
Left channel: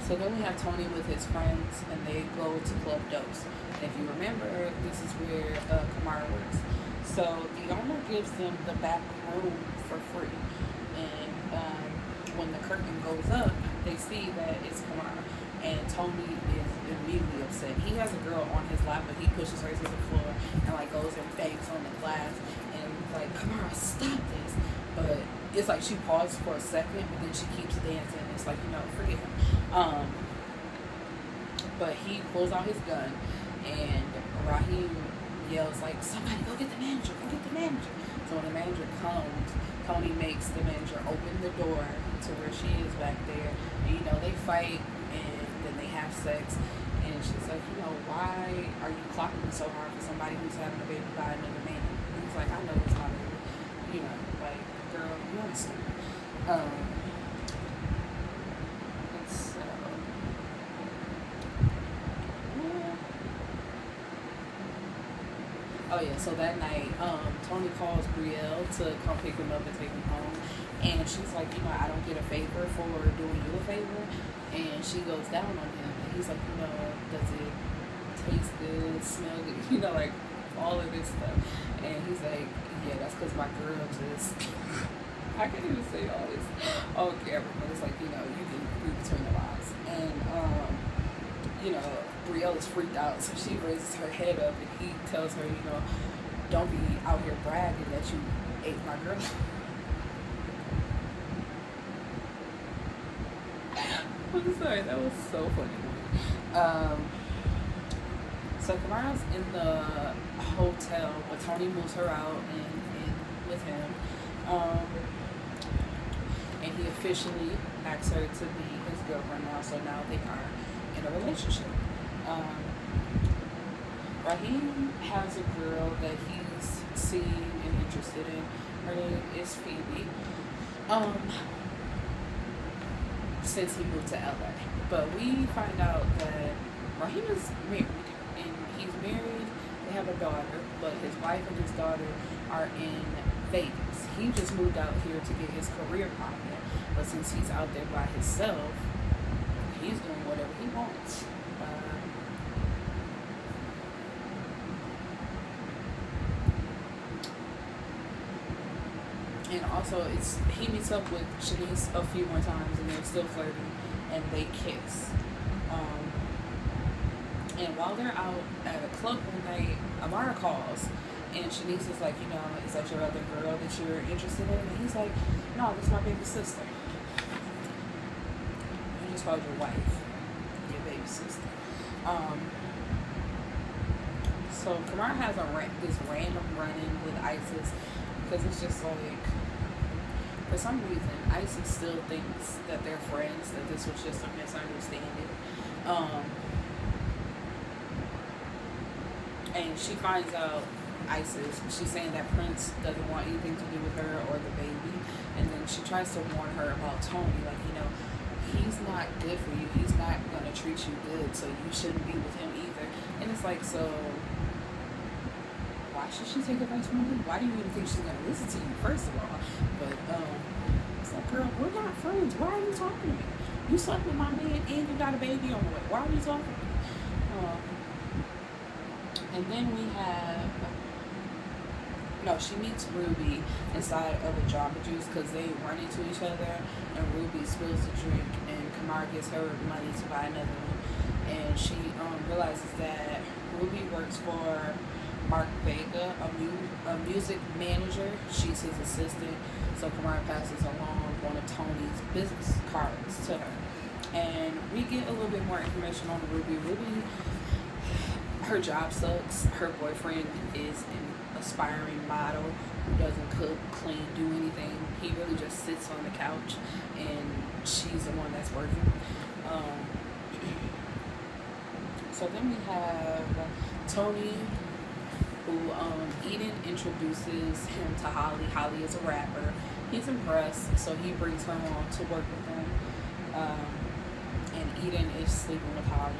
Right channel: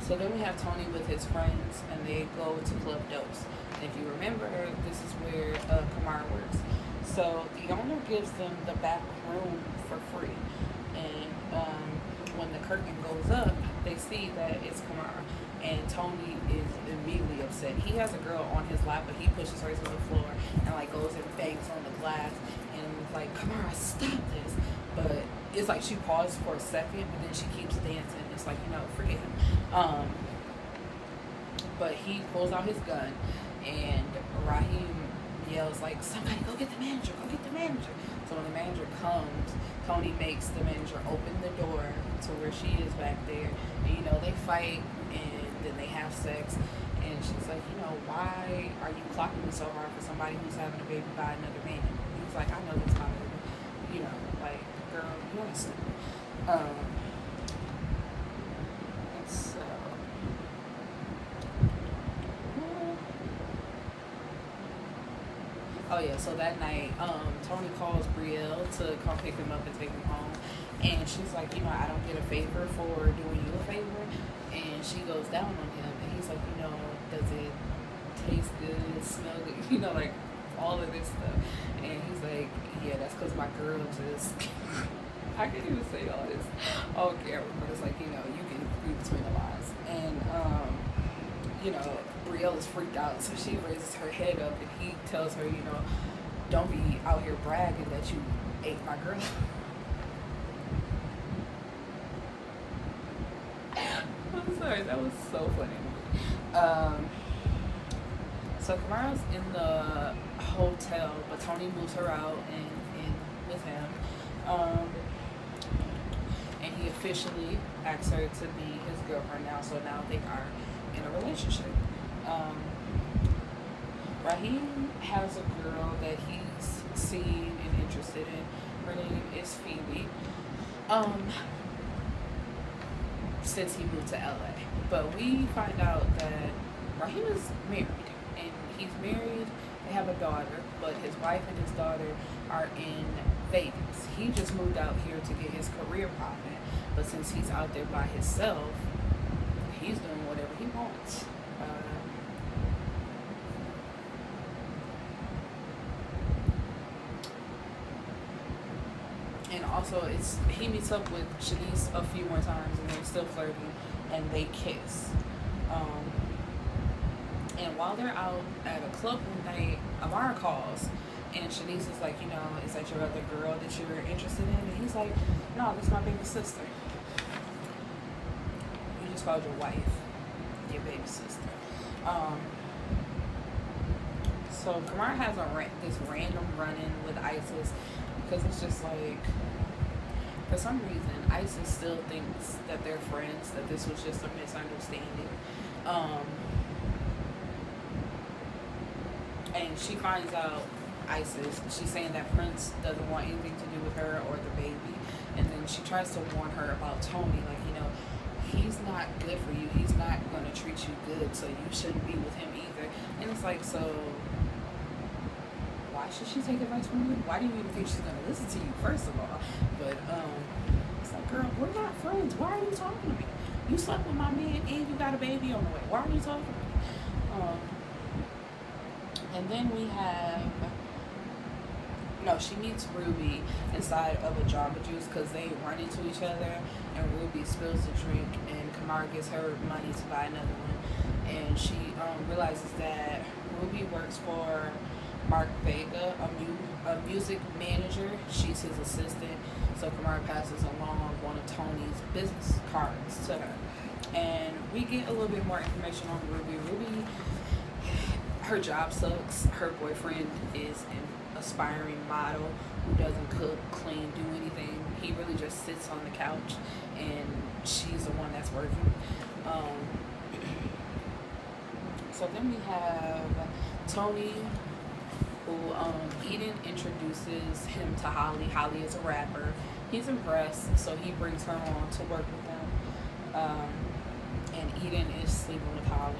So then we have Tony with his friends, and they go to Club Dose. And if you remember, this is where Camarih works. So the owner gives them the back room for free. And when the curtain goes up, they see that it's Camarih. And Tony is immediately upset. He has a girl on his lap, but he pushes her to the floor and like goes and bangs on the glass. And he's like, Camarih, stop this. But it's like she paused for a second, but then she keeps dancing. It's like, forget him. But he pulls out his gun, and Raheem yells like, somebody go get the manager, go get the manager. So when the manager comes, Tony makes the manager open the door to where she is back there. And, they fight, and then they have sex. And she's like, why are you clocking me so hard for somebody who's having a baby by another man? And he's like, I know that's not baby. Like, girl, you understand. And so, oh yeah, so that night, Tony calls Brielle to come pick him up and take him home. And she's like, I don't get a favor for doing you a favor. And she goes down on him. And he's like, does it taste good, smell good, like all of this stuff. And he's like, yeah, that's because my girl just, I can't even say all this on camera, but it's like, you can read between the lines. And, Brielle is freaked out, so she raises her head up, and he tells her, don't be out here bragging that you ate my girl. I'm sorry, that was so funny. So Camarih's in the hotel, but Tony moves her out and with him. And he officially asks her to be his girlfriend now, so now they are in a relationship. Raheem has a girl that he's seen and interested in. Her name is Phoebe. since he moved to LA. But we find out that Raheem is married, and he's married. They have a daughter, but his wife and his daughter are in Vegas. He just moved out here to get his career popping, but since he's out there by himself, he's doing whatever he wants. And also, he meets up with Shanice a few more times, and they're still flirting, and they kiss. And while they're out at a club one night, Amara calls, and Shanice is like, is that your other girl that you're interested in? And he's like, no, that's my baby sister. You just called your wife your baby sister. So Camarih has this random run-in with Isis, because it's just like, for some reason, Isis still thinks that they're friends, that this was just a misunderstanding. And she finds out, Isis, she's saying that Prince doesn't want anything to do with her or the baby. And then she tries to warn her about Tony, like, he's not good for you. He's not going to treat you good, so you shouldn't be with him either. And it's like, so why should she take advice from you? Why do you even think she's going to listen to you, first of all? But it's like, girl, we're not friends. Why are you talking to me? You slept with my man and you got a baby on the way. Why are you talking to me? And then we have, she meets Ruby inside of a Jamba Juice, because they run into each other, and Ruby spills the drink, and Camarih gives her money to buy another one. And she realizes that Ruby works for Mark Vega, a music manager. She's his assistant. So Camarih passes along one of Tony's business cards to her. And we get a little bit more information on Ruby. Ruby, her job sucks. Her boyfriend is an aspiring model who doesn't cook, clean, do anything. He really just sits on the couch, and she's the one that's working. So then we have Tony, who Eden introduces him to Holly. Holly is a rapper. He's impressed, so he brings her on to work with him. And Eden is sleeping with Holly.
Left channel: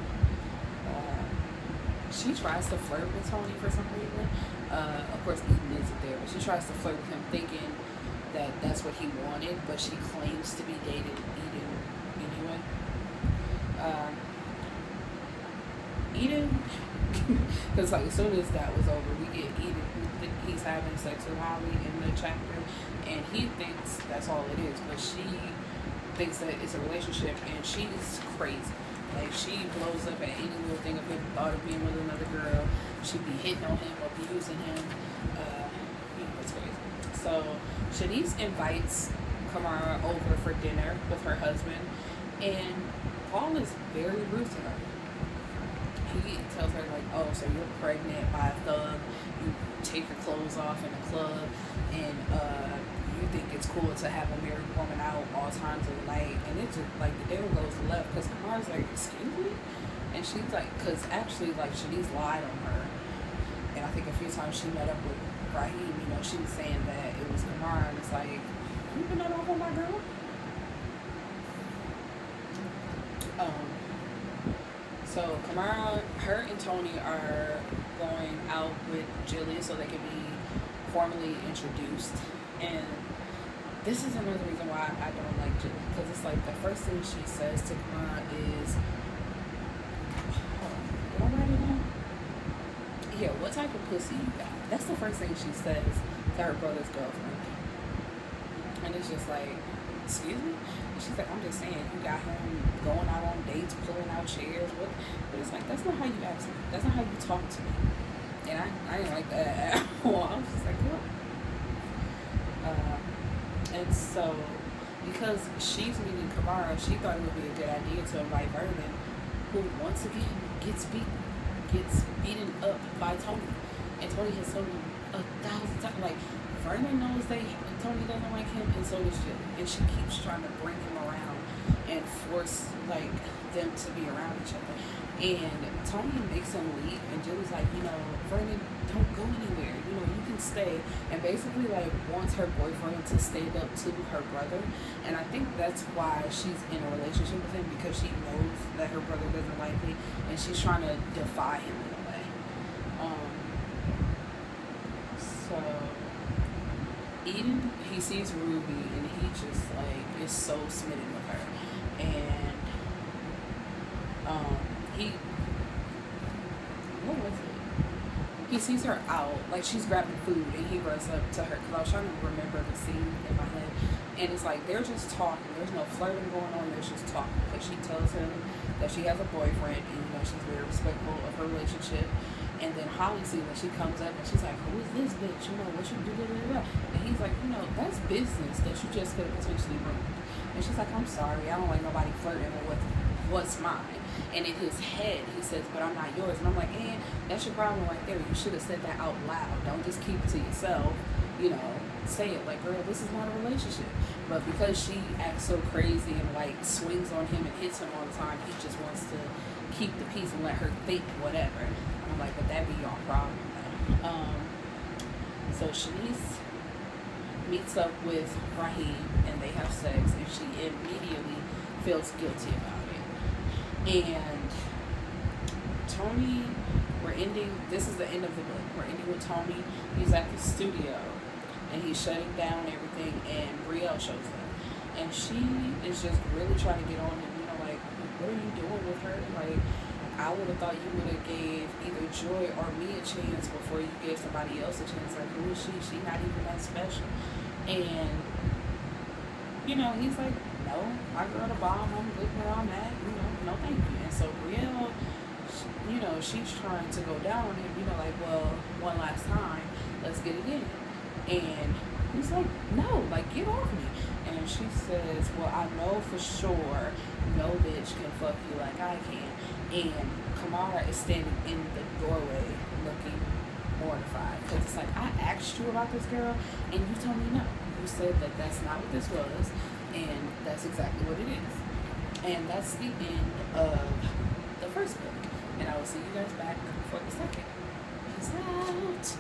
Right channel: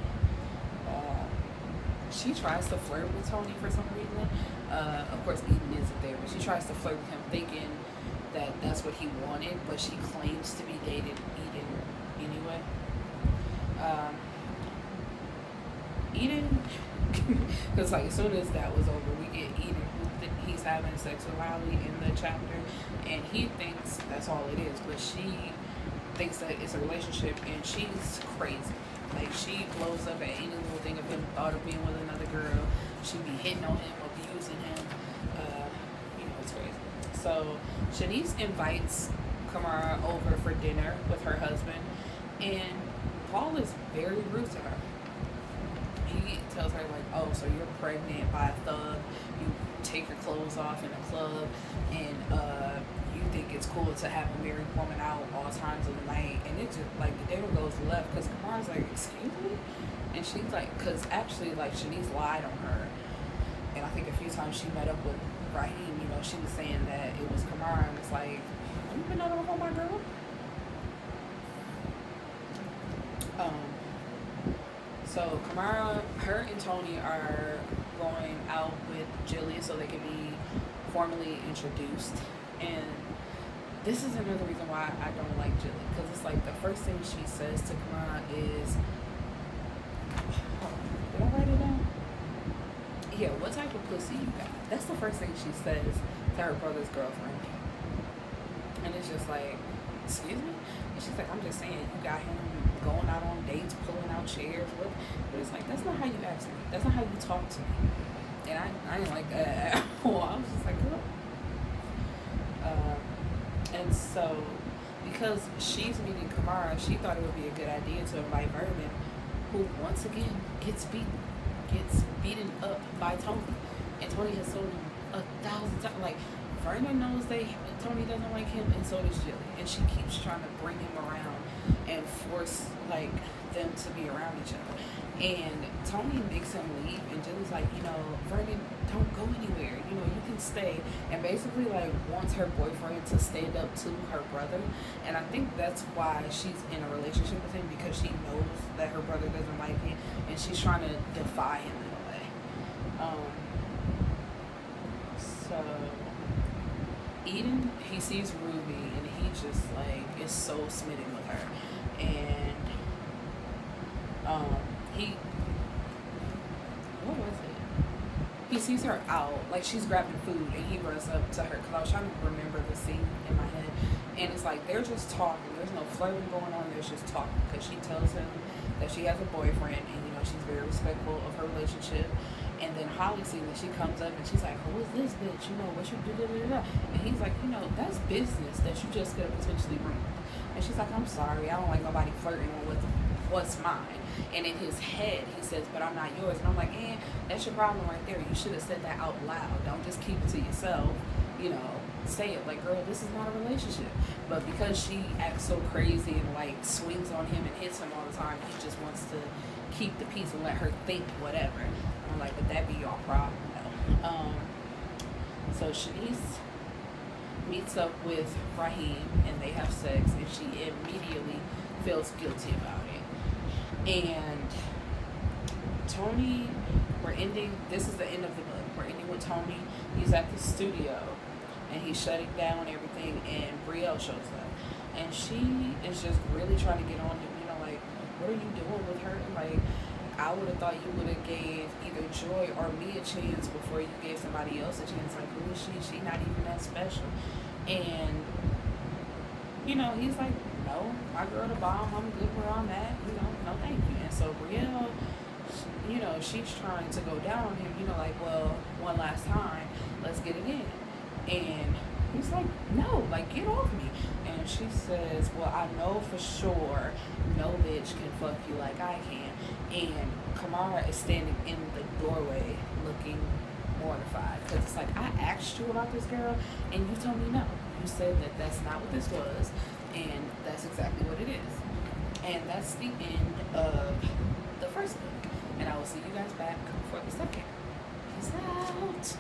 She tries to flirt with Tony for some reason. Of course, Eden isn't there, but she tries to flirt with him, thinking that that's what he wanted, but she claims to be dating Eden anyway. Eden, because like as soon as that was over, we get Eden, he's having sex with Holly in the chapter, and he thinks that's all it is, but she thinks that it's a relationship, and she's crazy. Like, she blows up at any little thing of him thought of being with another girl. She'd be hitting on him, abusing him. It's crazy. So Shanice invites Camarih over for dinner with her husband, and Paul is very rude to her. He tells her, like, oh, so you're pregnant by a thug, you take your clothes off in a club, and you think it's cool to have a married woman out all times of the night. And it's just like the dinner goes left, because Camarih's like, excuse me? And she's like, because actually, like, Shanice lied on her. And I think a few times she met up with Raheem, she was saying that it was Camarih, and it's like, you been that off on my girl? So Camarih, her and Tony are going out with Jillian so they can be formally introduced. And this is another reason why I don't like Jillian, because it's like the first thing she says to Camarih is, hold on, did I write it down? Yeah, what type of pussy you got? That's the first thing she says to her brother's girlfriend. And it's just like, excuse me? And she's like, I'm just saying, you got him going out on dates, pulling out chairs, what? But it's like, that's not how you ask me. That's not how you talk to me. And I didn't like that at all. I was just like, girl. And so, because she's meeting Camarih, she thought it would be a good idea to invite Vernon, who once again gets beaten up by Tony. And Tony has told him 1,000 times, like, Vernon knows Tony doesn't like him, and so does Jilly. And she keeps trying to bring him around and force, like, them to be around each other. And Tony makes him leave, and Julie's like, Vernon, don't go anywhere. You can stay. And basically, like, wants her boyfriend to stand up to her brother. And I think that's why she's in a relationship with him, because she knows that her brother doesn't like it, and she's trying to defy him in a way. So Eden, he sees Ruby, and he just, like, is so smitten with her. And what was it? He sees her out, like she's grabbing food, and he runs up to her, because I was trying to remember the scene in my head, and it's like they're just talking. There's no flirting going on. There's just talking, because she tells him that she has a boyfriend, and she's very respectful of her relationship. And then Holly sees that, she comes up and she's like, "Who is this bitch? What you do?" And he's like, that's business that you just could have potentially ruined. And she's like, "I'm sorry, I don't like nobody flirting with what's mine." And in his head, he says, "But I'm not yours." And I'm like, that's your problem right there. You should have said that out loud. Don't just keep it to yourself. Say it. Like, girl, this is not a relationship. But because she acts so crazy and, like, swings on him and hits him all the time, he just wants to keep the peace and let her think whatever. And I'm like, but that be your problem, though. So Shanice meets up with Raheem, and they have sex, and she immediately feels guilty about it. And Tony, this is the end of the book. We're ending with Tony. He's at the studio, and he's shutting down everything, and Brielle shows up. And she is just really trying to get on him, like, what are you doing with her? Like, I would have thought you would have gave either Joy or me a chance before you gave somebody else a chance. Like, who is she? She not even that special. And, he's like, no, my girl the bomb, I'm good where I'm at, no thank you. And so Brielle, she's trying to go down on him, like, well, one last time, let's get it in. And he's like, no, like, get off me. And she says, well, I know for sure no bitch can fuck you like I can. And Camarih is standing in the doorway looking mortified, because it's like, I asked you about this girl, and you told me no. You said that that's not what this was, and that's exactly what it is. And that's the end of the first book. And I will see you guys back for the second. Peace out.